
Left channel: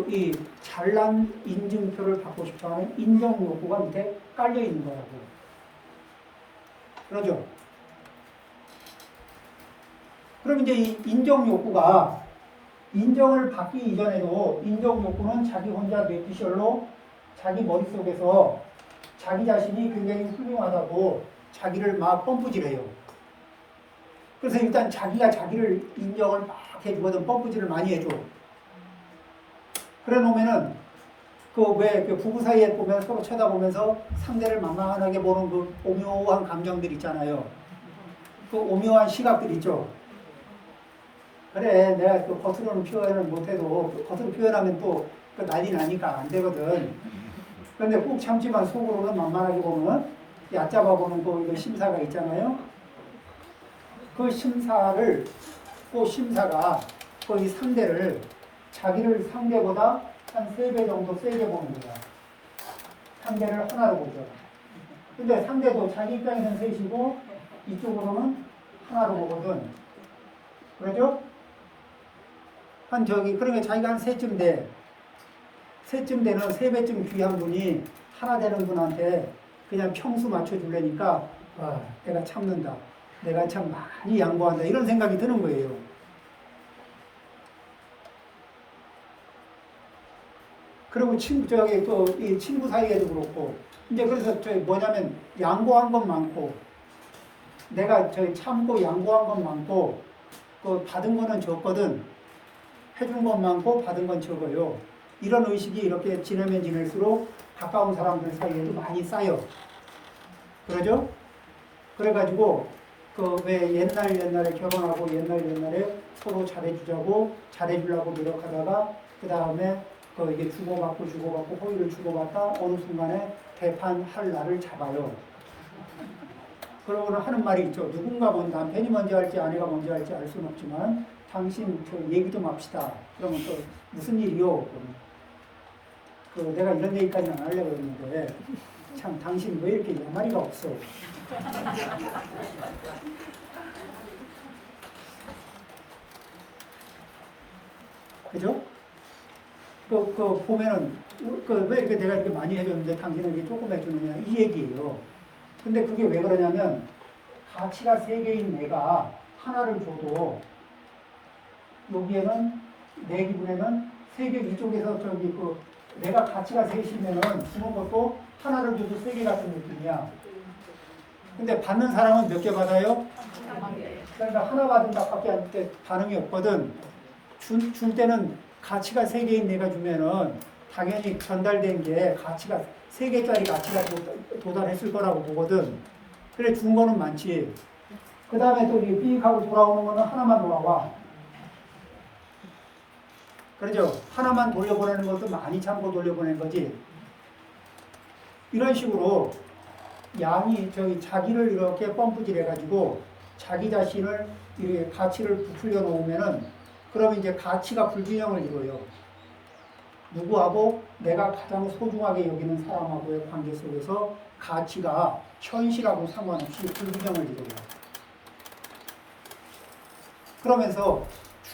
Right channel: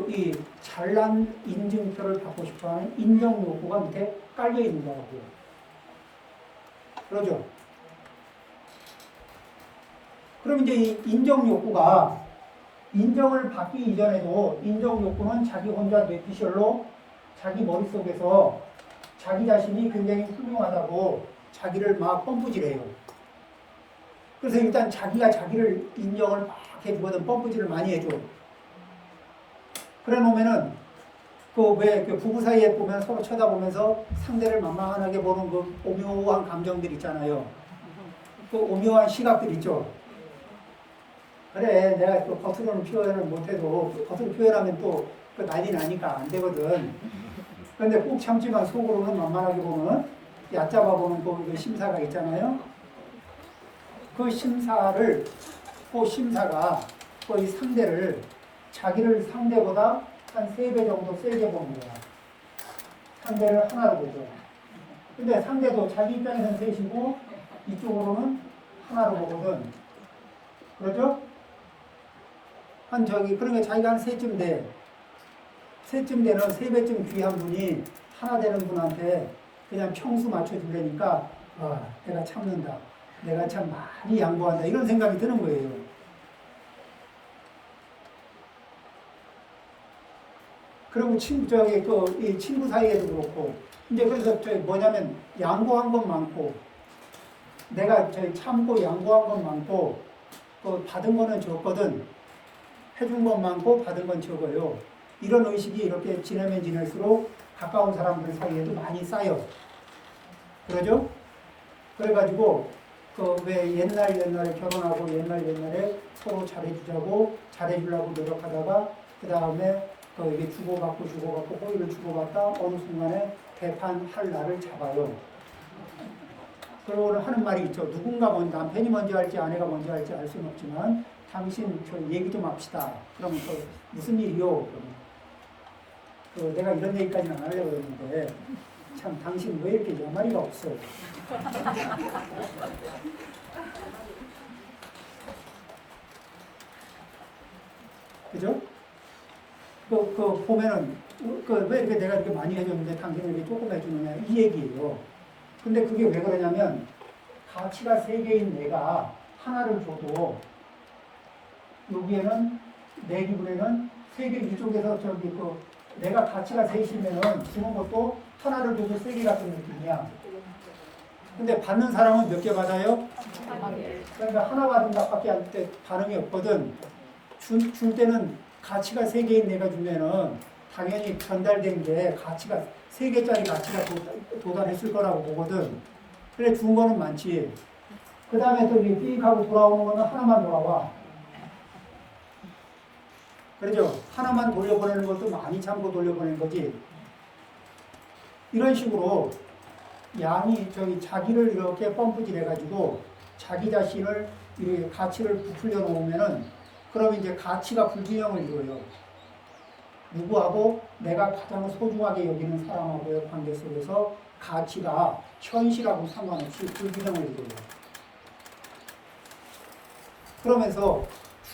이 잘난 인증표를 받고 싶어하는 인정 욕구가 밑에 깔려 있는 거라고. 그러죠? 그럼 이제 이 인정 욕구가 인정을 받기 이전에도 인정 욕구는 자기 혼자 뇌피셜로 자기 머릿속에서 자기 자신이 굉장히 훌륭하다고 자기를 막 펌프질해요. 그래서 일단 자기가 자기를 인정을 막 해주거든. 펌프질을 많이 해줘. 그래 놓으면은 부부 사이에 보면 서로 쳐다보면서 상대를 만만하게 보는 그 오묘한 감정들 있잖아요. 그 오묘한 시각들 있죠. 그래, 내가 또 겉으로는 표현을 못해도 겉으로 표현하면 또 난리 나니까 안 되거든. 그런데 꾹 참지만 속으로는 만만하게 보면 얕잡아 보는 그 심사가 있잖아요. 그 심사가 이 상대를 자기를 상대보다 한 3배 정도 세게 보는 거야. 상대를 하나로 보죠. 근데 상대도 자기 입장에서는 셋이고 이쪽으로는 하나로 보거든. 그러죠? 그러니까 자기가 한 3쯤 돼. 3쯤 되는 3배쯤 귀한 분이 하나 되는 분한테 그냥 평수 맞춰주려니까 내가 참는다. 내가 참 많이 양보한다. 이런 생각이 드는 거예요. 그리고 이 친구 사이에도 그렇고, 이제 그래서 뭐냐면, 양보한 건 많고, 내가 참고 양보한 건 많고, 받은 거는 적거든. 해준 건 많고, 받은 건 적어요. 이런 의식이 이렇게 지나면 지날수록 가까운 사람들 사이에도 많이 쌓여. 그러죠? 그래가지고, 왜 옛날에 결혼하고 옛날에 서로 잘해주려고 노력하다가, 그 다음에 이게 주고받고 호의를 주고받다 어느 순간에 배판할 날을 잡아요. 그러고는 하는 말이 있죠. 누군가 먼저, 남편이 먼저 할지 아내가 먼저 할지 알 수는 없지만 당신 얘기 좀 합시다. 그러면 무슨 일이요? 그러면 내가 이런 얘기까지는 안 하려고 했는데 참 당신 왜 이렇게 야마리가 없어? 그죠? 보면은, 왜 이렇게 내가 이렇게 많이 해줬는데 당신에게 조금 해주느냐, 이 얘기예요. 근데 그게 왜 그러냐면, 가치가 3개인 내가 하나를 줘도, 여기에는, 내 기분에는 3개 이쪽에서 내가 가치가 3이면은 주는 것도 하나를 줘도 3개 같은 느낌이야. 근데 받는 사람은 몇 개 받아요? 그러니까 하나 받은 것밖에 안 돼, 반응이 없거든. 줄 때는 가치가 3개인 내가 주면은 당연히 전달된 게 가치가 3개짜리 가치가 도달했을 거라고 보거든. 그래 준 거는 많지. 그 다음에 또 삐익하고 돌아오는 거는 하나만 돌아와. 그러죠? 하나만 돌려보내는 것도 많이 참고 돌려보내는 거지. 이런 식으로 양이 자기를 이렇게 펌프질 해가지고 자기 자신을 이렇게 가치를 부풀려 놓으면은 그러면 이제 가치가 불균형을 이루어요. 누구하고 내가 가장 소중하게 여기는 사람하고의 관계 속에서 가치가 현실하고 상관없이 불균형을 이루어요. 그러면서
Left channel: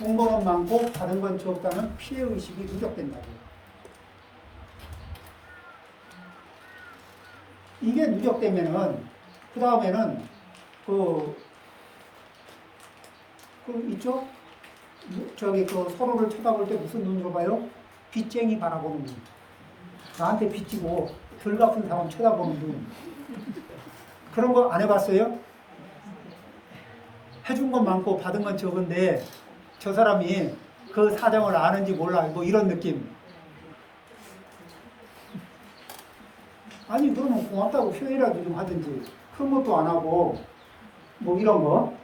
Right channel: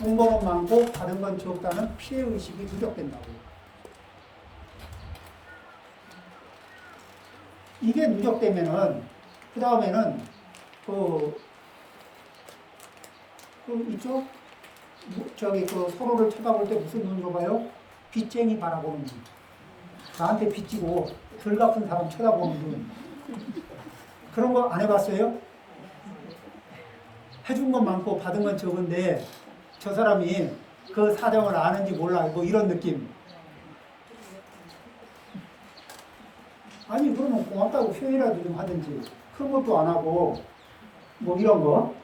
준 거는 많고 받은 건 적다는 피해의식이 누적된다고. 이게 누적되면은 그 다음에는 있죠? 저기 서로를 쳐다볼 때 무슨 눈으로 봐요? 빚쟁이 바라보는 눈. 나한테 빚지고 덜 갚은 사람 쳐다보는 눈. 그런 거 안 해봤어요? 해준 건 많고 받은 건 적은데 저 사람이 그 사정을 아는지 몰라. 뭐 이런 느낌. 아니 그러면 고맙다고 표현이라도 좀 하든지. 큰 것도 안 하고 뭐 이런 거.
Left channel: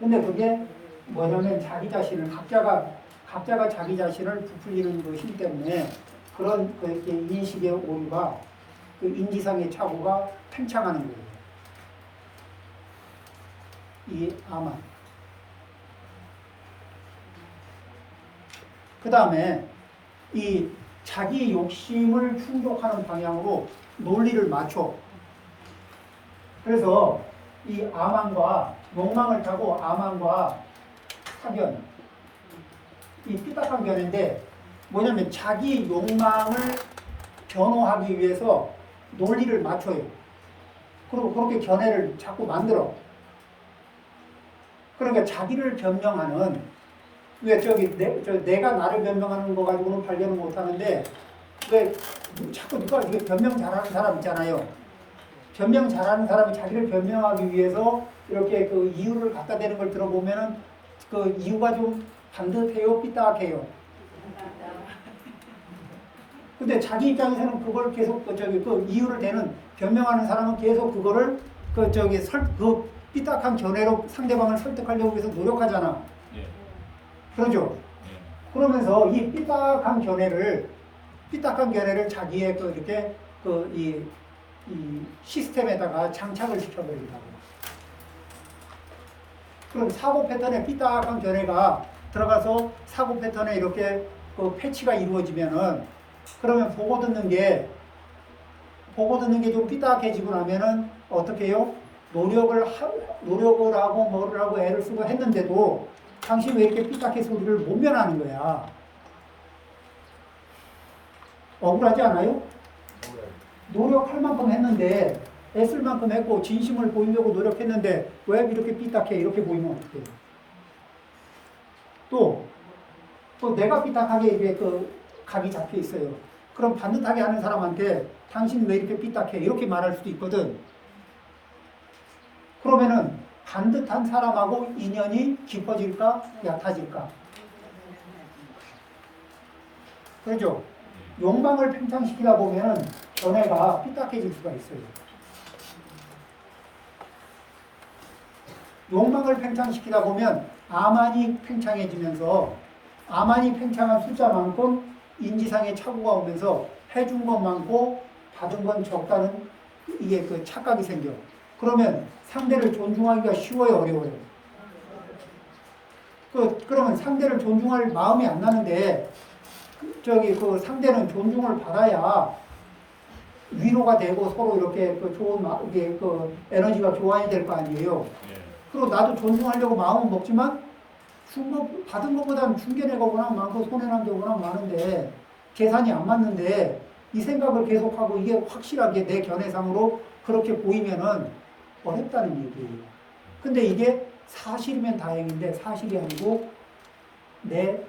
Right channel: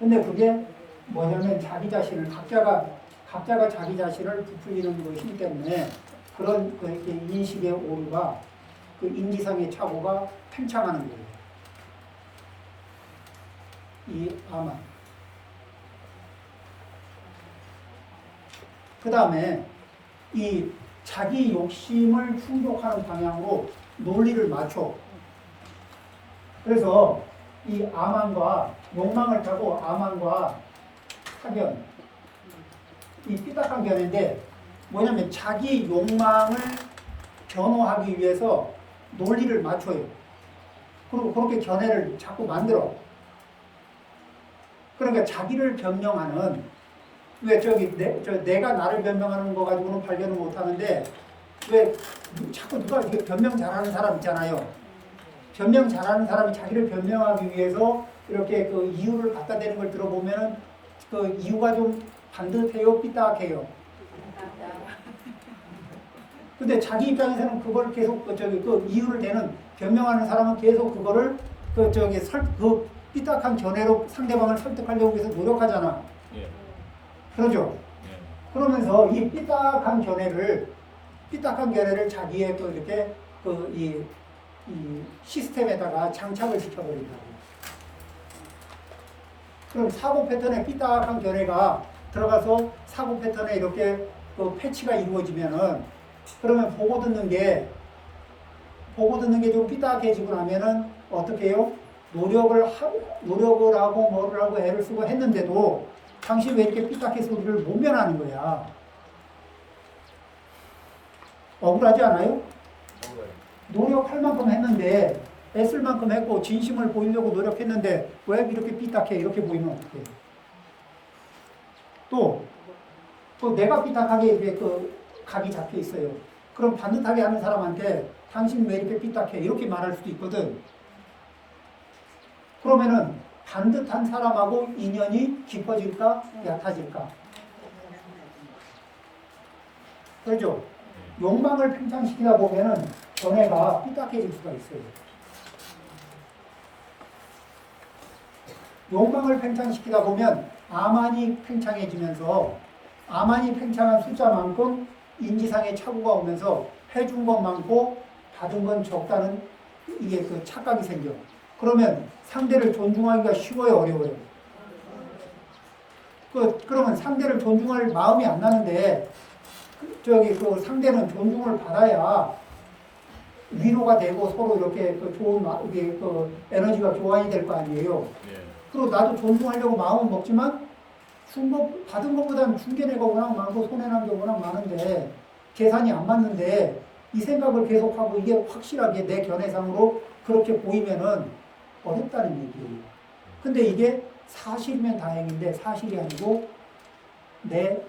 근데 그게 뭐냐면 자기 자신을 각자가 자기 자신을 부풀리는 그 힘 때문에 그런 이렇게 인식의 오류가 그 인지상의 착오가 팽창하는 거예요. 이 아만. 그 다음에 이 자기 욕심을 충족하는 방향으로 논리를 맞춰. 그래서 이 아만과 욕망을 타고 아만과 사견, 이 삐딱한 견해인데 뭐냐면 자기 욕망을 변호하기 위해서 논리를 맞춰요. 그리고 그렇게 견해를 자꾸 만들어. 그러니까 자기를 변명하는, 왜 내가 나를 변명하는 거 가지고는 발견을 못 하는데 왜 자꾸 누가 이게 변명 잘하는 사람 있잖아요. 변명 잘하는 사람이 자기를 변명하기 위해서 이렇게 그 이유를 갖다 대는 걸 들어보면은 그 이유가 좀 반듯해요, 삐딱해요. 근데 자기 입장에서는 그걸 계속 그 이유를 대는 변명하는 사람은 계속 그거를 그 삐딱한 견해로 상대방을 설득하려고 해서 노력하잖아. 예. 그러죠? 예. 그러면서 이 삐딱한 견해를 자기의 이 시스템에다가 장착을 시켜버린다고. 그럼 사고 패턴에 삐딱한 견해가 들어가서 사고 패턴에 이렇게 그 패치가 이루어지면은 그러면 보고 듣는 게 좀 삐딱해지고 나면은 어떻게 해요? 노력을 하고 뭐를 하고 애를 쓰고 했는데도 당신 왜 이렇게 삐딱해서 우리를 못 면하는 거야? 억울하지 않아요? 노력할 만큼 했는데 애쓸 만큼 했고 진심을 보이려고 노력했는데 왜 이렇게 삐딱해? 이렇게 보이면 어떡해? 또 내가 삐딱하게 이게 각이 잡혀 있어요. 그럼 반듯하게 하는 사람한테 당신 왜 이렇게 삐딱해? 이렇게 말할 수도 있거든. 그러면은 반듯한 사람하고 인연이 깊어질까? 얕아질까? 그렇죠? 욕망을 팽창시키다 보면은 견해가 삐딱해질 수가 있어요. 욕망을 팽창시키다 보면 아만이 팽창해지면서 아만이 팽창한 숫자만큼 인지상의 착오가 오면서 해준 건 많고 받은 건 적다는 이게 그 착각이 생겨. 그러면 상대를 존중하기가 쉬워요, 어려워요? 그러면 상대를 존중할 마음이 안 나는데 그 상대는 존중을 받아야 위로가 되고 서로 이렇게 좋은 이게 에너지가 교환이 될 거 아니에요. 그리고 나도 존중하려고 마음은 먹지만 받은 것보다는 준 게 내가 워낙 많고 손해난 게 워낙 많은데 계산이 안 맞는데 이 생각을 계속하고 이게 확실하게 내 견해상으로 그렇게 보이면은 어렵다는 얘기예요. 근데 이게 사실이면 다행인데 사실이 아니고 내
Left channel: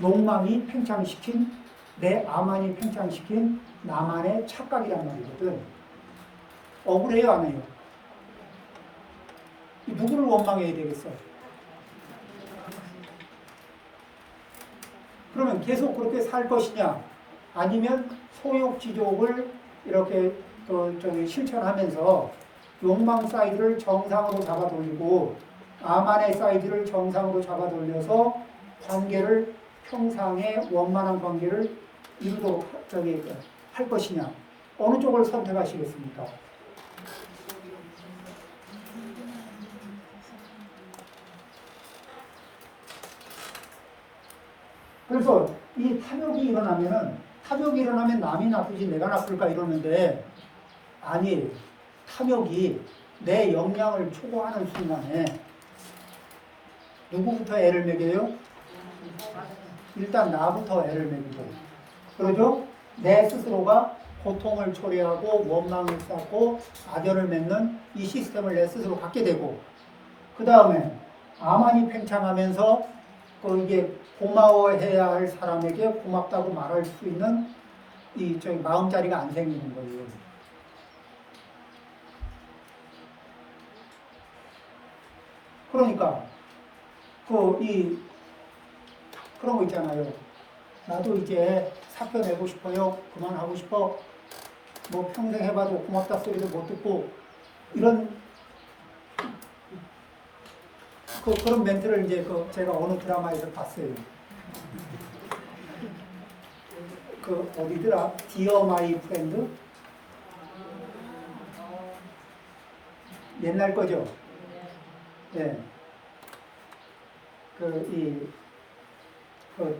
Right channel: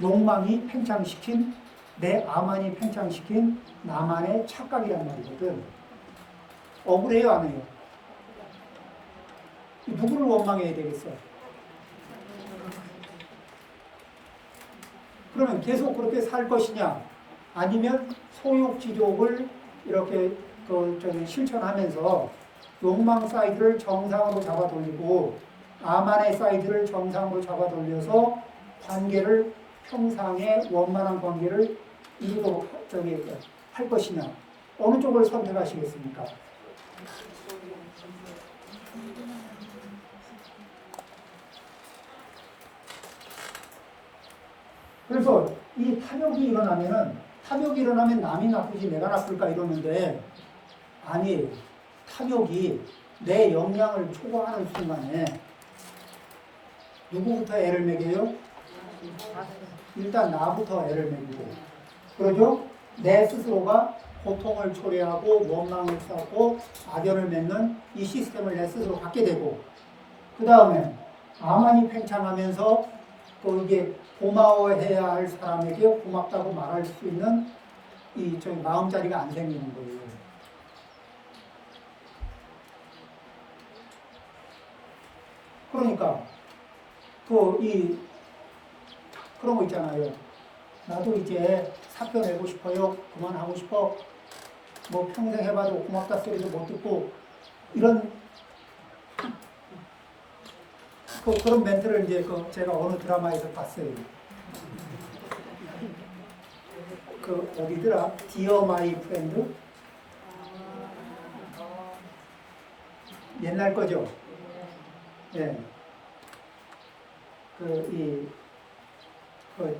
욕망이 팽창시킨 내 아만이 팽창시킨 나만의 착각이란 말이거든. 억울해요, 안 해요? 누구를 원망해야 되겠어? 그러면 계속 그렇게 살 것이냐? 아니면 소욕지족을 이렇게 실천하면서 욕망 사이드를 정상으로 잡아 돌리고 아만의 사이드를 정상으로 잡아 돌려서 관계를 평상의 원만한 관계를 이루도록 할 것이냐? 어느 쪽을 선택하시겠습니까? 그래서 이 탐욕이 일어나면 남이 나쁘지 내가 나쁠까 이러는데 아니에요. 탐욕이 내 역량을 초과하는 순간에 누구부터 애를 먹여요? 일단 나부터 애를 먹이고. 그러죠? 내 스스로가 고통을 초래하고 원망을 쌓고 악연을 맺는 이 시스템을 내 스스로 갖게 되고, 그 다음에 아만이 팽창하면서 이게 고마워해야 할 사람에게 고맙다고 말할 수 있는 이 저기 마음자리가 안 생기는 거예요. 그러니까 그런 거 있잖아요. 나도 이제 사표 내고 싶어요. 그만하고 싶어. 뭐 평생 해봐도 고맙다 소리도 못 듣고 이런 그런 멘트를 이제 제가 어느 드라마에서 봤어요. 어디더라? 디어 마이 프렌드? 옛날 거죠. 예.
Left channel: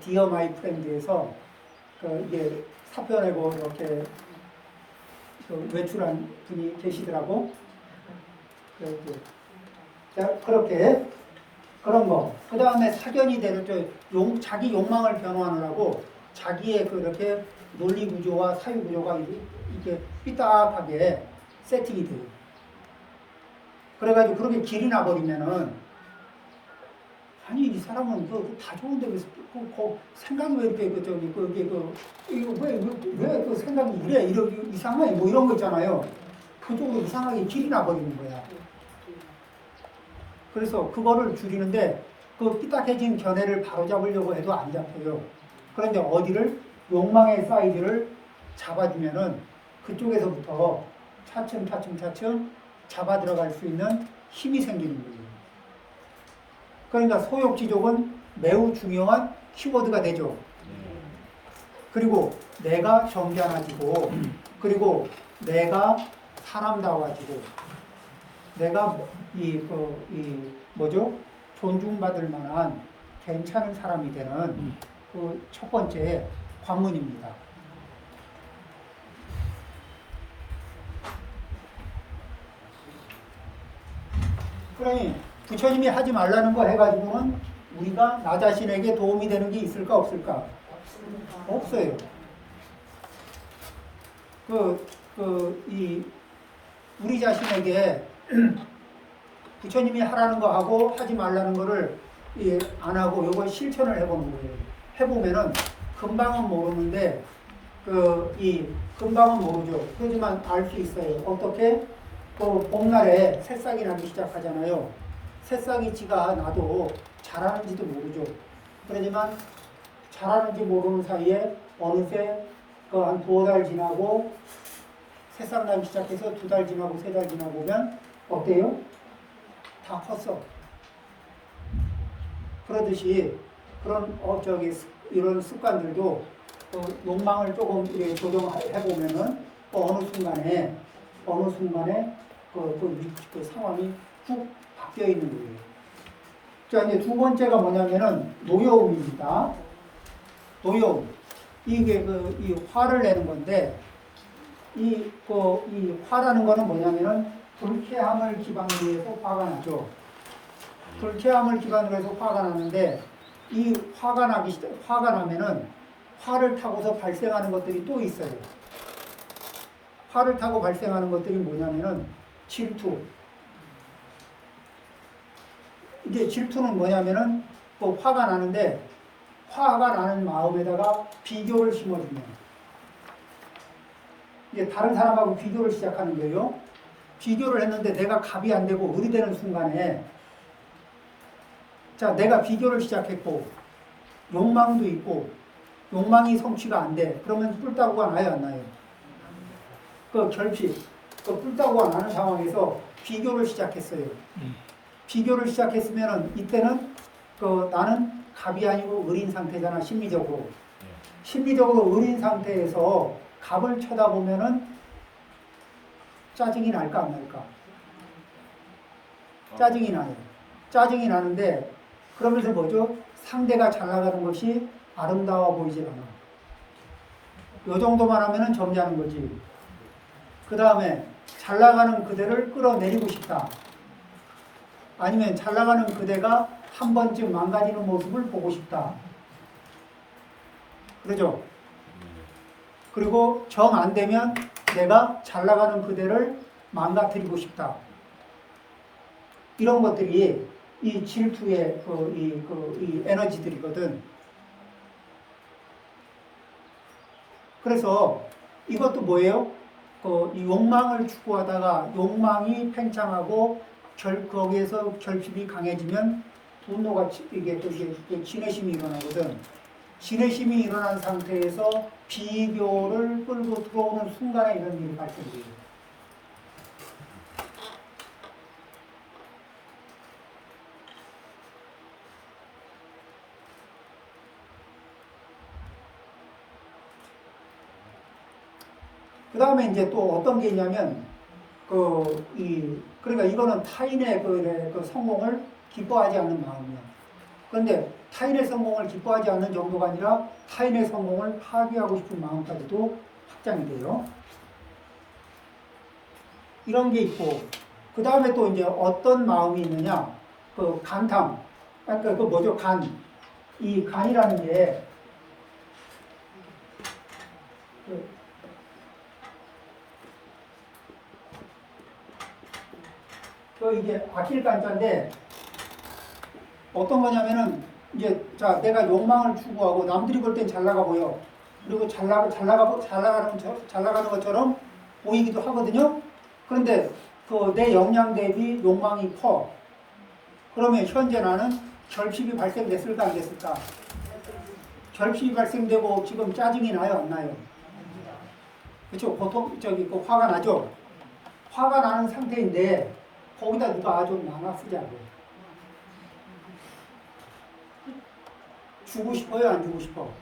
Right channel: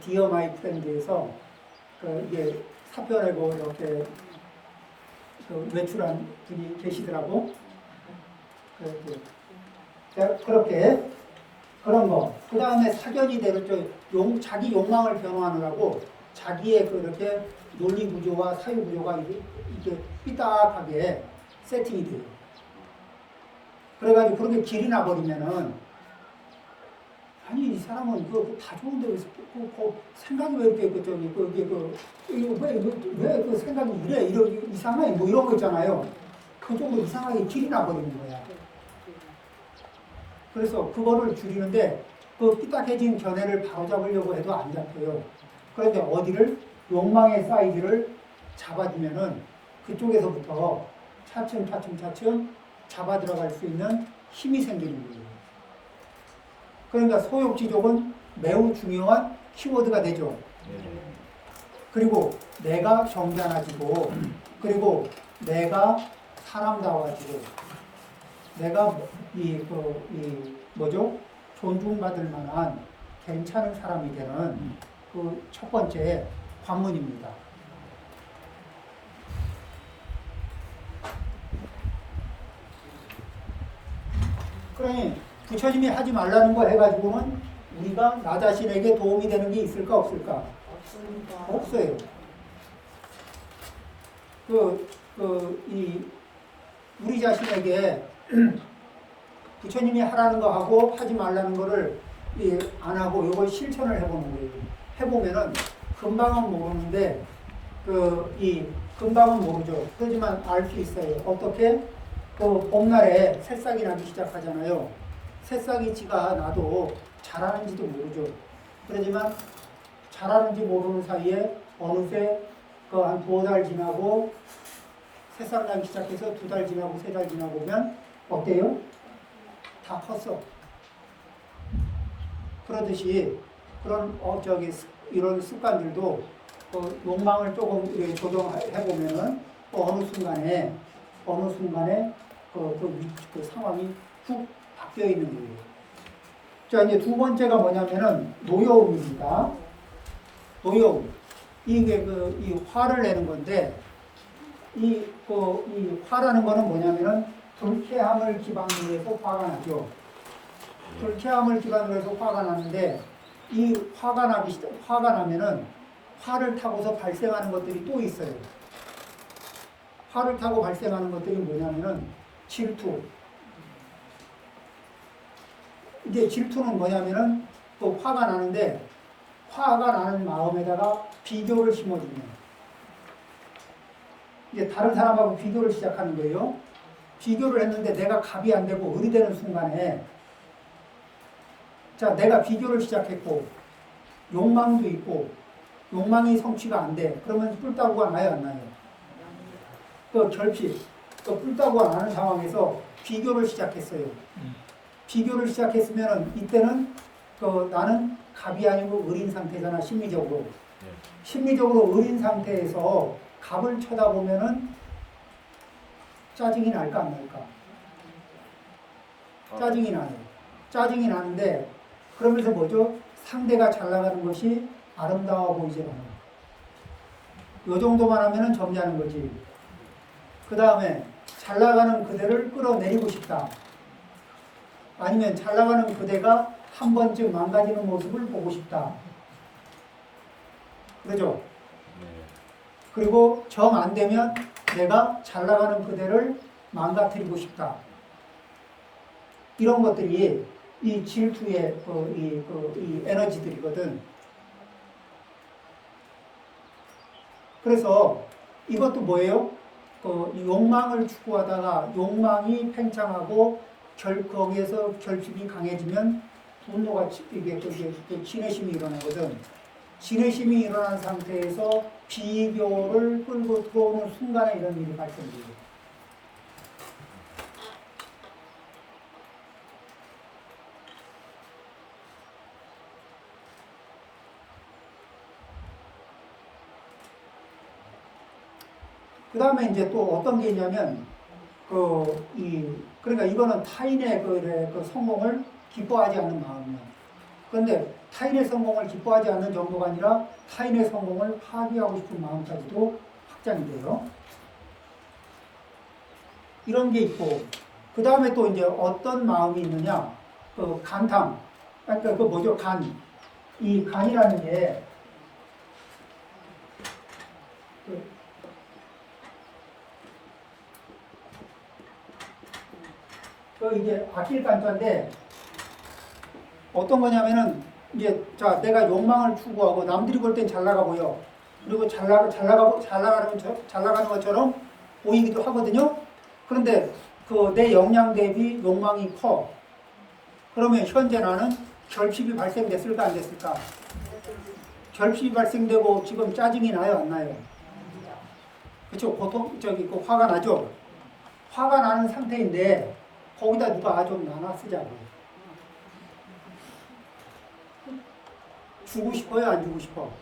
디어 마이 프렌드에서 이게 사표 내고 이렇게 외출한 분이 계시더라고. 자, 그렇게 그런 거. 그 다음에 사견이 대로 자기 욕망을 변호하느라고 자기의 그렇게 논리 구조와 사유 구조가 이게 삐딱하게 세팅이 돼요. 그래가지고 그렇게 길이 나버리면은, 아니 이 사람은 다 좋은데 왜 생각이 왜 이렇게 왜 그 생각이 이래 이상해 뭐 이런 거 있잖아요. 그쪽으로 이상하게 길이 나버리는 거야. 그래서 그거를 줄이는데 삐딱해진 견해를 바로잡으려고 해도 안 잡혀요. 그런데 어디를 욕망의 사이즈를 잡아주면은 그쪽에서부터 차츰 잡아 들어갈 수 있는 힘이 생기는 거예요. 그러니까 소욕지족은 매우 중요한 키워드가 되죠. 그리고 내가 정견해지고, 그리고 내가 사람다워지고, 내가 존중받을 만한 괜찮은 사람이 되는 그 첫 번째 관문입니다. 그러니 부처님이 하지 말라는 거 해가지고는 우리가 나 자신에게 도움이 되는 게 있을까 없을까? 없어요. 우리 자신에게 부처님이 하라는 거 하고 하지 말라는 거를 안 하고 요걸 실천을 해보는 거예요. 해보면은 금방은 모르는데 금방은 모르죠. 그렇지만 알 수 있어요. 어떻게? 봄날에 새싹이 나기 시작하잖아요. 새싹이 지가 나도 자라는지도 모르죠. 그러지만 자라는지 모르는 사이에 어느새 한 2달 지나고 새싹 나기 시작해서 2달 지나고 3달 지나고 보면 어때요? 다 컸어. 그러듯이 이런 습관들도 욕망을 조금 조정해 보면은 어느 순간에 그 상황이 훅 바뀌어 있는 거예요. 자, 이제 두 번째가 뭐냐면은 노여움입니다. 노여움. 이게 이 화를 내는 건데, 이 화라는 거는 뭐냐면은 불쾌함을 기반으로 해서 화가 나죠. 불쾌함을 기반으로 해서 화가 나는데, 이 화가 나면은 화를 타고서 발생하는 것들이 또 있어요. 화를 타고 발생하는 것들이 뭐냐면은 질투. 이게 질투는 뭐냐면은 화가 나는데 화가 나는 마음에다가 비교를 심어주면 이게 다른 사람하고 비교를 시작하는 거예요. 비교를 했는데 내가 갑이 안 되고 을이 되는 순간에 자, 내가 비교를 시작했고 욕망도 있고 욕망이 성취가 안 돼. 그러면 뿔따구가 나요, 안 나요? 결핍, 뿔따구가 나는 상황에서 비교를 시작했어요. 비교를 시작했으면은 이때는 나는 갑이 아니고 을인 상태잖아, 심리적으로. 심리적으로 을인 상태에서 갑을 쳐다보면은 짜증이 날까 안 날까? 짜증이 나요. 짜증이 나는데 그러면서 뭐죠? 상대가 잘 나가는 것이 아름다워 보이질 않아. 요 정도만 하면은 점잖은 거지. 그 다음에 잘 나가는 그대를 끌어내리고 싶다. 아니면 잘 나가는 그대가 한 번쯤 망가지는 모습을 보고 싶다. 그러죠? 그리고 정 안 되면 내가 잘 나가는 그대를 망가뜨리고 싶다. 이런 것들이 이 질투의 이 에너지들이거든. 그래서 이것도 뭐예요? 이 욕망을 추구하다가 욕망이 팽창하고 거기에서 결핍이 강해지면 분노가 이게 또 진해심이 일어나거든. 진해심이 일어난 상태에서 비교를 끌고 들어오는 순간에 이런 일이 발생돼요. 그 다음에 이제 또 어떤 게 있냐면, 그러니까 이거는 타인의 그 성공을 기뻐하지 않는 마음이야. 그런데 타인의 성공을 기뻐하지 않는 정도가 아니라 타인의 성공을 파괴하고 싶은 마음까지도 확장이 돼요. 이런 게 있고, 그 다음에 또 이제 어떤 마음이 있느냐, 간탐. 그러니까 뭐죠? 이 간이라는 게, 이게 아킬 간자인데, 어떤 거냐면은, 이제, 자, 내가 욕망을 추구하고, 남들이 볼 땐 잘 나가 보여. 그리고 잘 나가는 것처럼 보이기도 하거든요. 그런데 내 역량 대비 욕망이 커. 그러면 현재 나는 결핍이 발생됐을까, 안 됐을까? 결핍이 발생되고 지금 짜증이 나요, 안 나요? 그렇죠? 화가 나죠? 화가 나는 상태인데, 거기다 누가 좀 나눠 쓰자고. 주고 싶어요? 안 주고 싶어?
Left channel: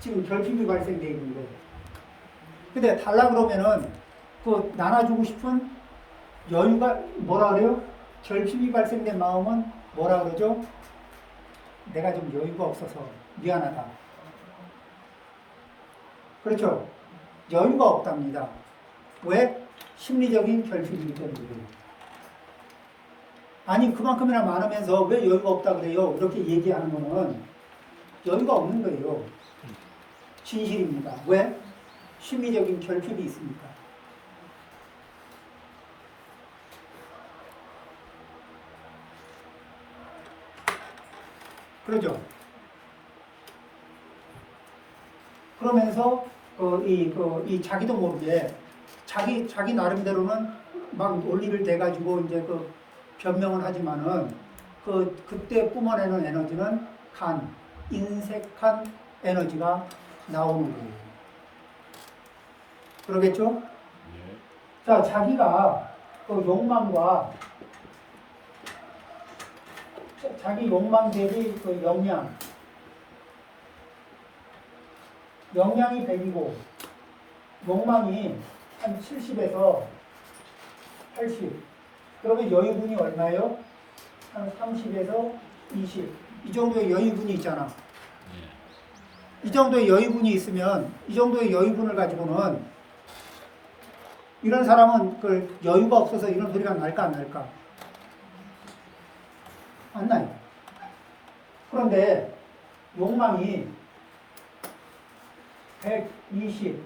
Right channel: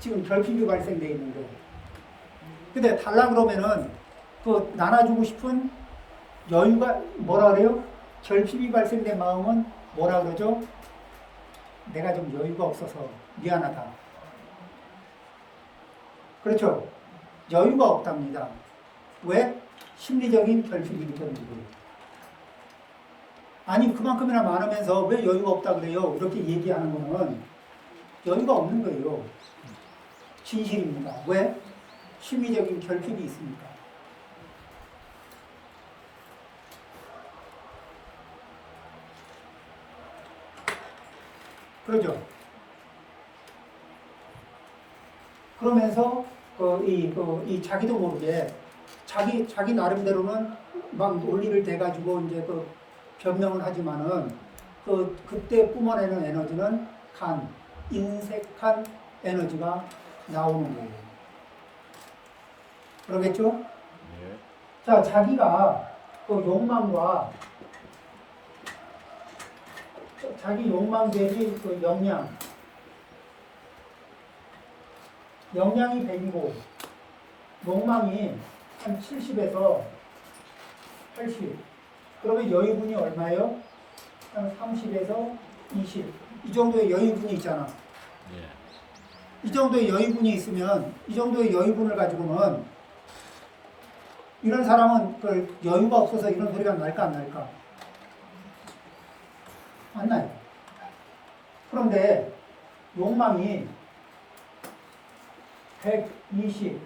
지금 결핍이 발생되어 있는데. 근데 달라 그러면은 나눠주고 싶은 여유가 뭐라 그래요? 결핍이 발생된 마음은 뭐라 그러죠? 내가 좀 여유가 없어서 미안하다. 그렇죠? 여유가 없답니다. 왜? 심리적인 결핍이기 때문에 그래요. 아니 그만큼이나 많으면서 왜 여유가 없다 그래요? 이렇게 얘기하는 거는 여유가 없는 거예요. 진실입니다. 왜? 심리적인 결핍이 있으니까. 그러죠? 그러면서 이 자기도 모르게 자기 나름대로는 막 논리를 대가지고 이제 변명을 하지만은 그때 뿜어내는 에너지는 인색한 에너지가 나오는 거예요. 그러겠죠? 네. 자, 자기가 욕망과 자기 욕망 대비 역량이 100이고 욕망이 한 70에서 80. 그러면 여유분이 얼마예요? 한 30에서 20. 이 정도의 여유분이 있잖아. 이 정도의 여유분이 있으면 이 정도의 여유분을 가지고는 이런 사람은 여유가 없어서 이런 소리가 날까 안 날까? 안 나요. 그런데 욕망이 120,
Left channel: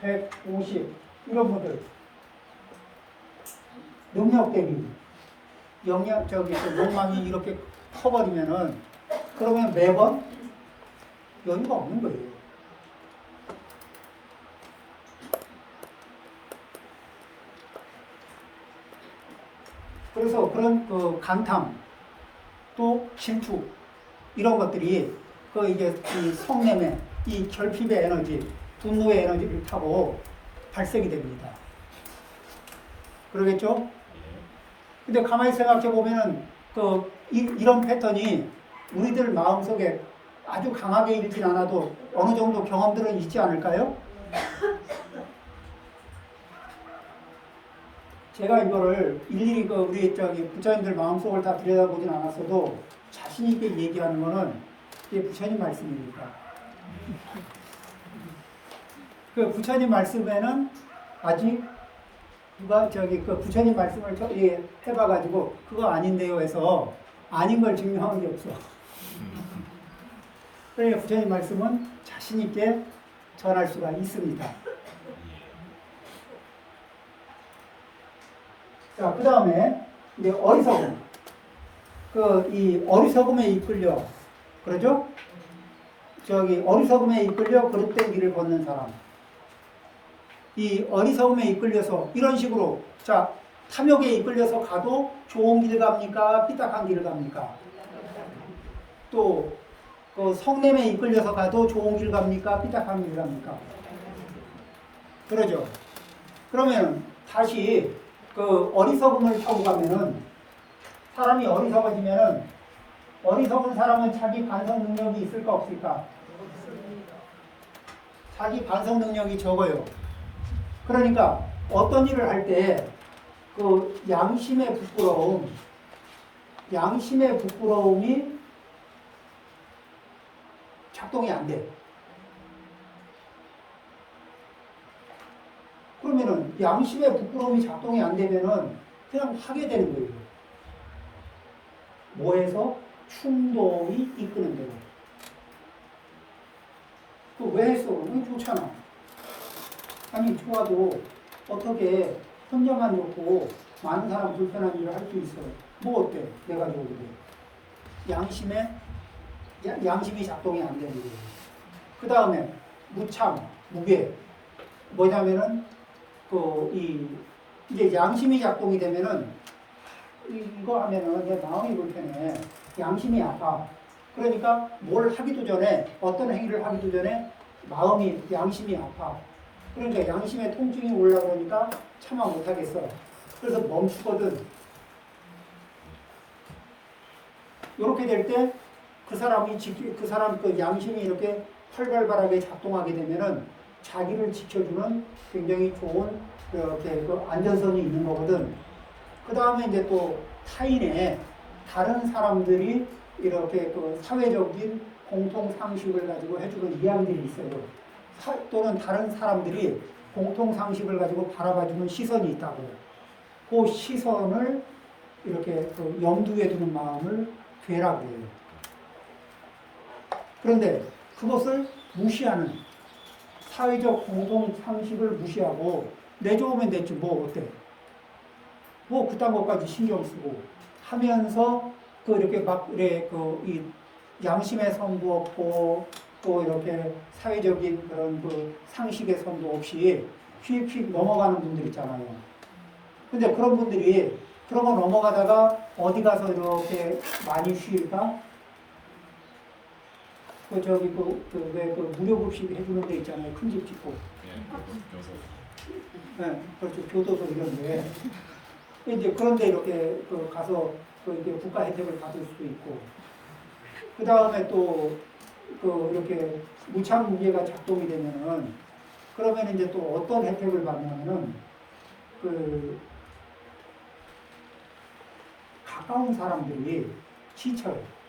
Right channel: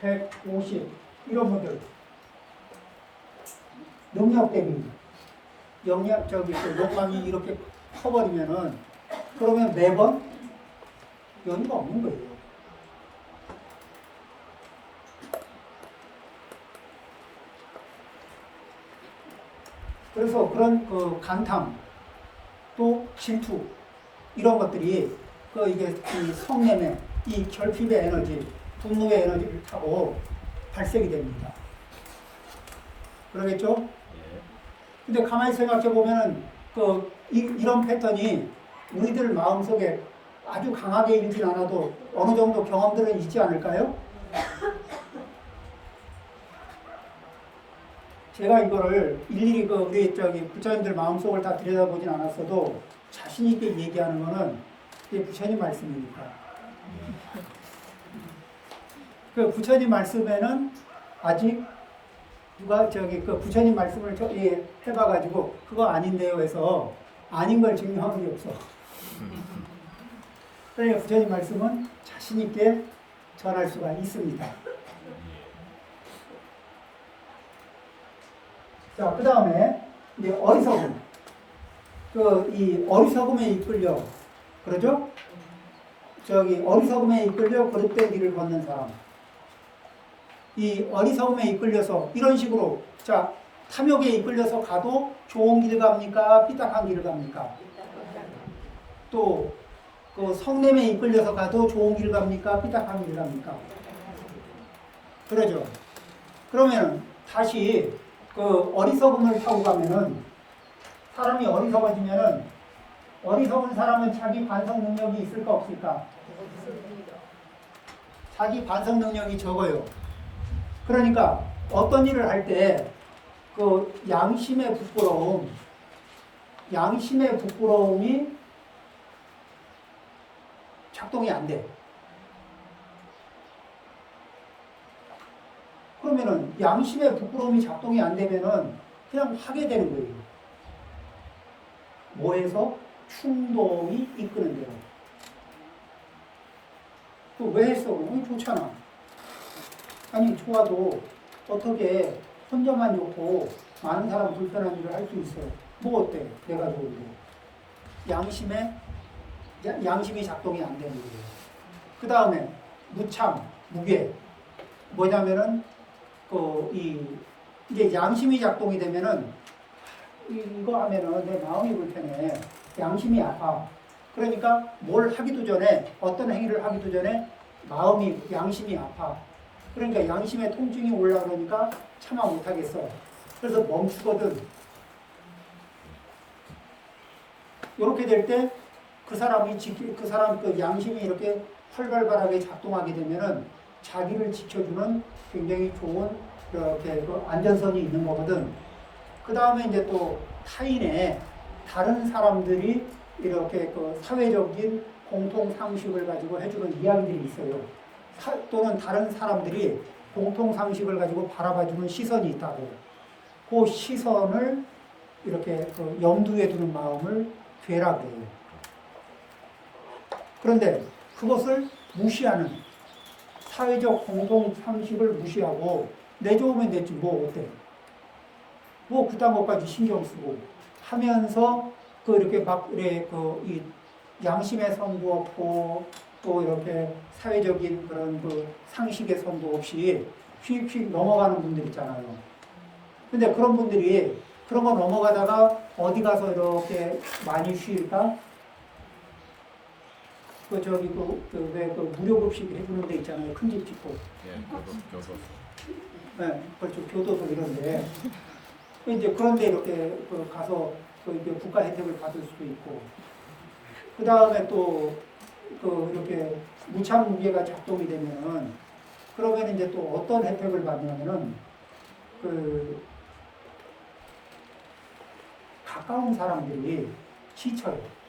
150 이런 분들 능력 대비 욕망이 이렇게 커버리면은 그러면 매번 여유가 없는 거예요. 그래서 그런 간탐 또 질투 이런 것들이 이게 이 성냄의 이 결핍의 에너지, 분노의 에너지를 타고 발생이 됩니다. 그러겠죠? 근데 가만히 생각해 보면은 이런 패턴이 우리들 마음속에 아주 강하게 일진 않아도 어느 정도 경험들은 있지 않을까요? 제가 이거를 일일이 우리 부처님들 마음속을 다 들여다보진 않았어도 자신 있게 얘기하는 거는 이게 부처님 말씀이니까. 그 부처님 말씀에는 아직 누가 부처님 말씀을 해봐가지고 그거 아닌데요 해서 아닌 걸 증명한 게 없어. 그러니까 부처님 말씀은 자신 있게 전할 수가 있습니다. 자, 그 다음에 이제 어리석음. 이 어리석음에 이끌려, 그러죠? 어리석음에 이끌려 그릇된 길을 걷는 사람. 이 어리석음에 이끌려서 이런 식으로, 자, 탐욕에 이끌려서 가도 좋은 길 갑니까? 삐딱한 길을 갑니까? 또, 성냄에 이끌려서 가도 좋은 길 갑니까? 삐딱한 길 갑니까? 그러죠? 그러면 다시 어리석음을 타고 가면은, 사람이 어리석어지면은, 어리석은 사람은 자기 반성 능력이 있을까 없을까? 자기 반성 능력이 적어요. 그러니까 어떤 일을 할 때 양심의 부끄러움이 작동이 안 돼. 그러면은 양심의 부끄러움이 작동이 안 되면은 그냥 하게 되는 거예요. 뭐해서? 충동이 이끄는 대로. 왜 했어? 좋잖아. 아니, 좋아도 어떻게 혼자만 좋고 많은 사람 불편한 일을 할 수 있어? 뭐 어때? 내가 좋은데. 양심이 작동이 안 되는 거예요. 그 다음에 무참, 무게. 뭐냐면은 이제 양심이 작동이 되면은 이거 하면은 내 마음이 불편해. 양심이 아파. 그러니까 뭘 하기도 전에, 어떤 행위를 하기도 전에 양심이 아파. 그러니까 양심의 통증이 올라오니까 참아 못하겠어. 그래서 멈추거든. 이렇게 될 때 그 사람 양심이 이렇게 활발하게 작동하게 되면은 자기를 지켜주는 굉장히 좋은 안전선이 있는 거거든. 그 다음에 이제 또 다른 사람들이 이렇게 사회적인 공통 상식을 가지고 해주는 이야기들이 있어요. 또는 다른 사람들이 공통 상식을 가지고 바라봐주는 시선이 있다고. 그 시선을 이렇게 염두에 두는 마음을 괴라고 해요. 그런데 그것을 무시하는, 사회적 공통 상식을 무시하고 내 좋으면 됐지 뭐 어때? 뭐 그딴 것까지 신경 쓰고 하면서 이렇게 이 양심의 선도 없고 또 이렇게 사회적인 그런 상식의 선도 없이 휙휙 넘어가는 분들 있잖아요. 근데 그런 분들이 그런 거 넘어가다가 어디 가서 이렇게 많이 쉴까? 무료급식 해주는 데 있잖아요. 큰 집 짓고. 교도소. 네, 그렇죠. 교도소 이런데. 이제 그런데 이렇게 가서 이제 국가 혜택을 받을 수도 있고. 그 다음에 또 이렇게 무참무게가 작동이 되면은 그러면 이제 또 어떤 혜택을 받냐면은 가까운 사람들이 지쳐요.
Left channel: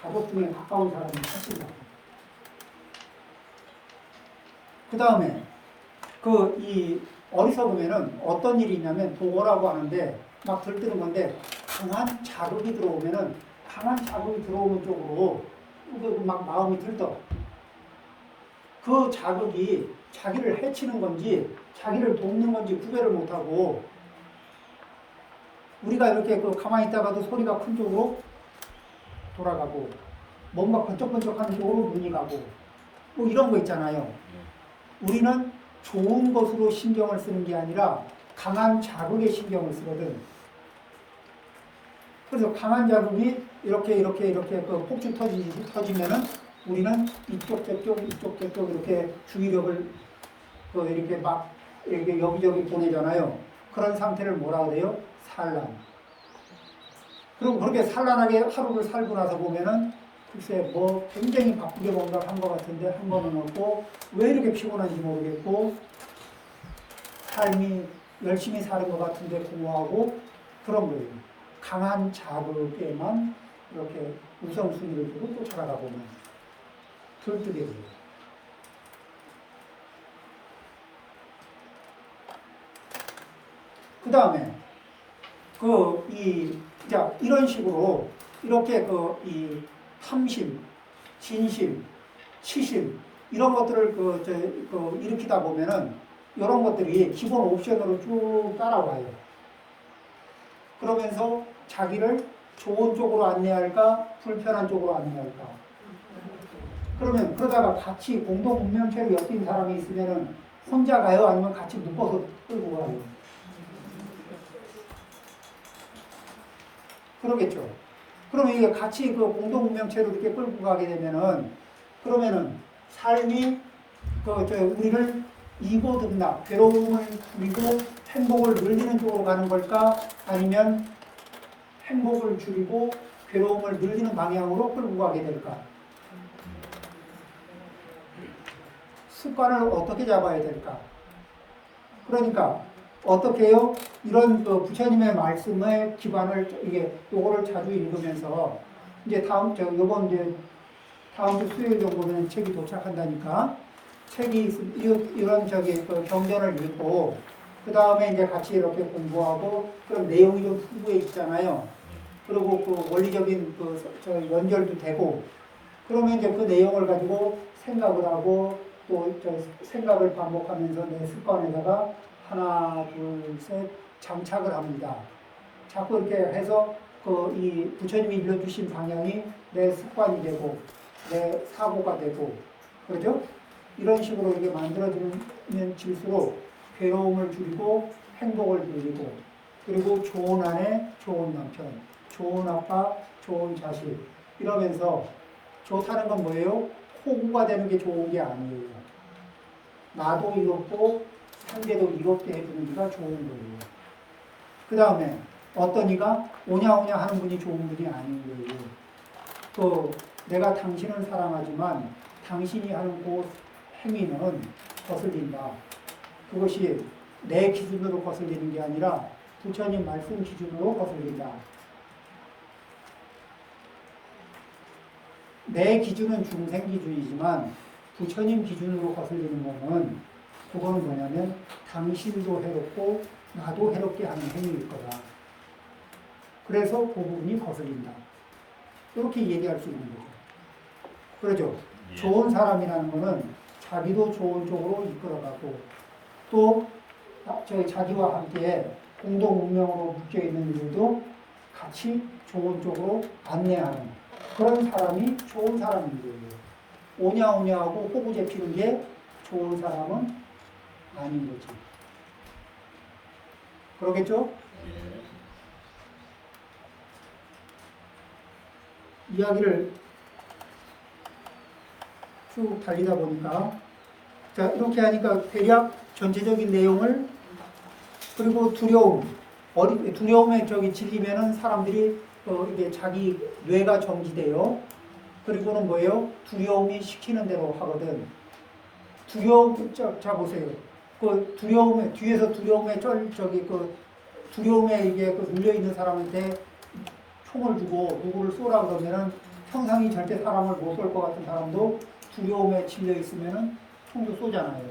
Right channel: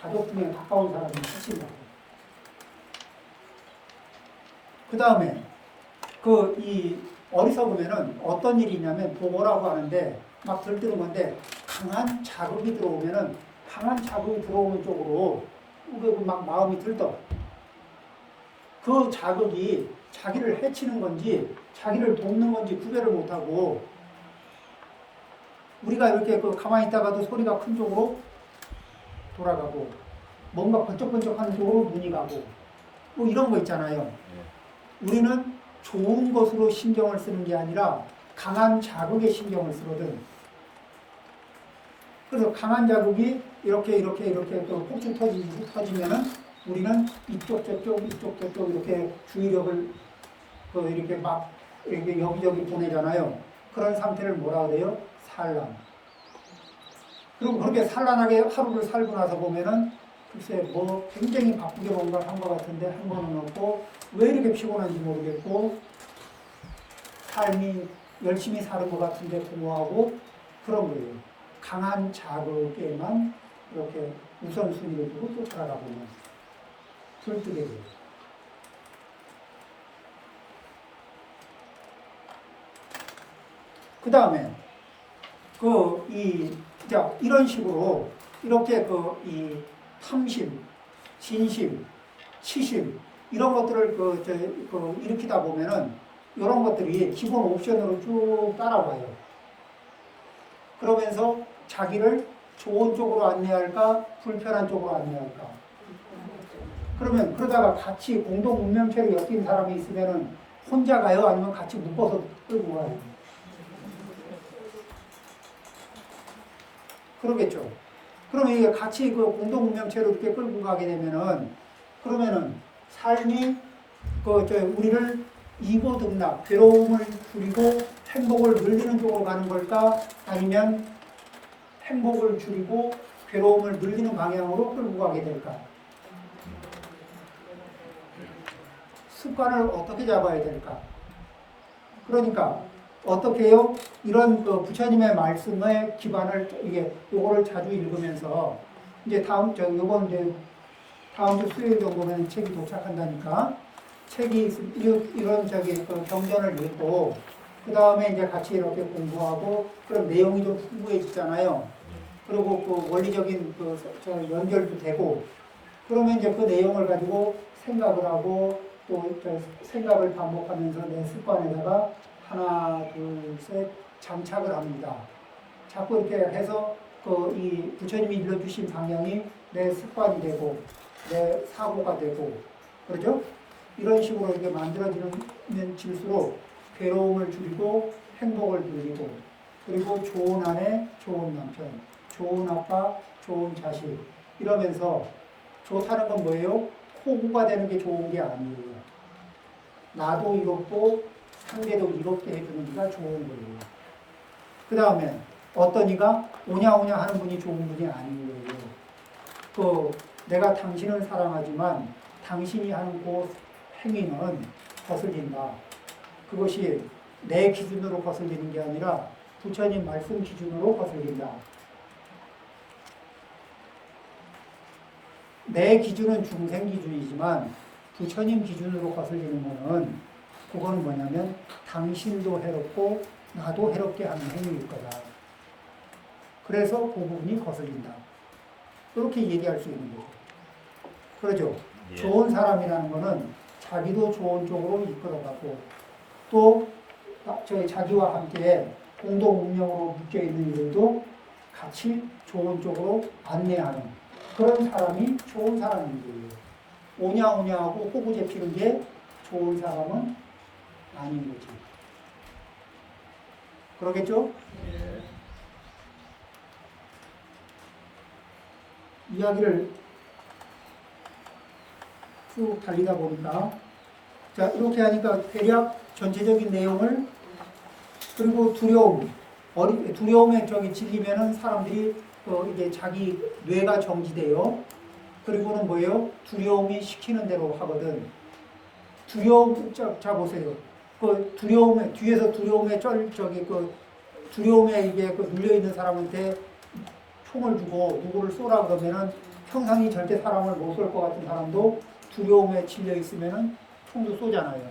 가족 중에 가까운 사람이 지친다고. 그 다음에 이 어리석으면은 어떤 일이 있냐면 도고라고 하는데 막 들뜨는 건데 강한 자극이 들어오면은 쪽으로 막 마음이 들떠. 그 자극이 자기를 해치는 건지 자기를 돕는 건지 구별을 못하고 우리가 이렇게 가만히 있다가도 소리가 큰 쪽으로 돌아가고 뭔가 번쩍번쩍하는 쪽으로 눈이 가고 뭐 이런 거 있잖아요. 우리는 좋은 것으로 신경을 쓰는 게 아니라 강한 자극에 신경을 쓰거든. 그래서 강한 자극이 이렇게 폭주 터지면은 우리는 이쪽 저쪽 이렇게 주의력을 이렇게 막 이렇게 여기저기 보내잖아요. 그런 상태를 뭐라 그래요? 산란. 그리고 그렇게 산란하게 하루를 살고 나서 보면은 글쎄 뭐 굉장히 바쁘게 뭔가를 한 것 같은데 한 거는 없고 왜 이렇게 피곤한지 모르겠고 삶이 열심히 사는 것 같은데 공허하고 그런 거예요. 강한 자극에만 이렇게 우선순위를 두고 쫓아가다 보면 들뜨게 돼요. 그 다음에 자, 이런 식으로 이렇게 이 탐심, 진심, 치심 이런 것들을 일으키다 보면은 이런 것들이 기본 옵션으로 쭉 따라와요. 그러면서 자기를 좋은 쪽으로 안내할까, 불편한 쪽으로 안내할까. 그러면 그러다가 같이 공동 운명체로 엮인 사람이 있으면은 혼자 가요? 아니면 같이 묶어서 끌고 가요? 그러겠죠. 그러면 이게 같이 공동 운명체로 이렇게 끌고 가게 되면은 그러면은 삶이 우리를 이고등락, 괴로움을 줄이고 행복을 늘리는 쪽으로 가는 걸까? 아니면 행복을 줄이고 괴로움을 늘리는 방향으로 끌고 가게 될까? 습관을 어떻게 잡아야 될까? 그러니까 어떻게 해요? 이런 부처님의 말씀에 기반을 요거를 자주 읽으면서 이제 다음 주 수요일 정도면 책이 도착한다니까 책이 이런 경전을 읽고 그 다음에 이제 같이 이렇게 공부하고 그럼 내용이 좀 풍부해지잖아요. 그리고 원리적인 연결도 되고 그러면 이제 그 내용을 가지고 생각을 하고 또 생각을 반복하면서 내 습관에다가 하나, 둘, 셋 장착을 합니다. 자꾸 이렇게 해서 이 부처님이 일러주신 방향이 내 습관이 되고 내 사고가 되고 그러죠? 이런 식으로 이렇게 만들어지면 질수록 괴로움을 줄이고 행복을 늘리고 그리고 좋은 아내, 좋은 남편, 좋은 아빠, 좋은 자식 이러면서 좋다는 건 뭐예요? 호구가 되는 게 좋은 게 아니에요. 나도 이롭고 상대도 이롭게 해주는 이가 좋은 거예요. 그 다음에 어떤 이가 오냐오냐 하는 분이 좋은 분이 아닌 거예요. 내가 당신을 사랑하지만 당신이 하는 그 행위는 거슬린다. 그것이 내 기준으로 거슬리는 게 아니라 부처님 말씀 기준으로 거슬린다. 내 기준은 중생 기준이지만 부처님 기준으로 거슬리는 것은 그건 뭐냐면 당신도 해롭고 나도 해롭게 하는 행위일 거다. 그래서 그 부분이 거슬린다. 이렇게 얘기할 수 있는 거죠. 그러죠. 좋은 사람이라는 것은 자기도 좋은 쪽으로 이끌어가고 또 자기와 함께 공동 운명으로 묶여있는 일도 같이 좋은 쪽으로 안내하는 그런 사람이 좋은 사람인 거예요. 오냐오냐 하고 호구 잡히는 게 좋은 사람은 아닌 거지. 그러겠죠? 네. 이야기를 쭉 달리다 보니까 자 이렇게 하니까 대략 전체적인 내용을 그리고 두려움에 질리면은 사람들이 이게 자기 뇌가 정지돼요. 그리고는 뭐예요? 두려움이 시키는 대로 하거든. 자 보세요. 두려움에 뒤에서 두려움에 두려움에 이게 눌려 있는 사람한테 총을 주고 누구를 쏘라 그러면은 평상이 절대 사람을 못 쏠 것 같은 사람도 두려움에 질려 있으면은 총도 쏘잖아요.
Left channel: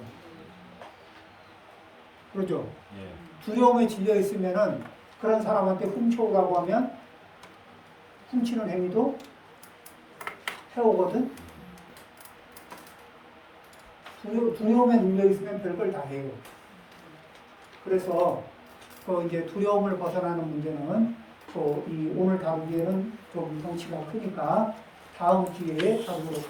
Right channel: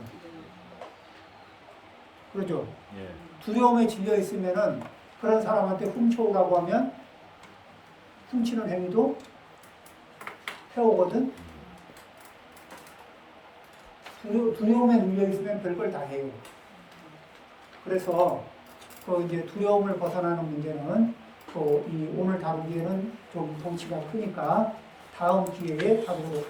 그렇죠? 예. 두려움에 질려 있으면은 그런 사람한테 훔쳐오라고 하면 훔치는 행위도 해오거든. 두려움에 눌려 있으면 별걸 다 해요. 그래서 이제 두려움을 벗어나는 문제는 오늘 다루기에는 좀 덩치가 크니까 다음 기회에 다루도록 하겠습니다.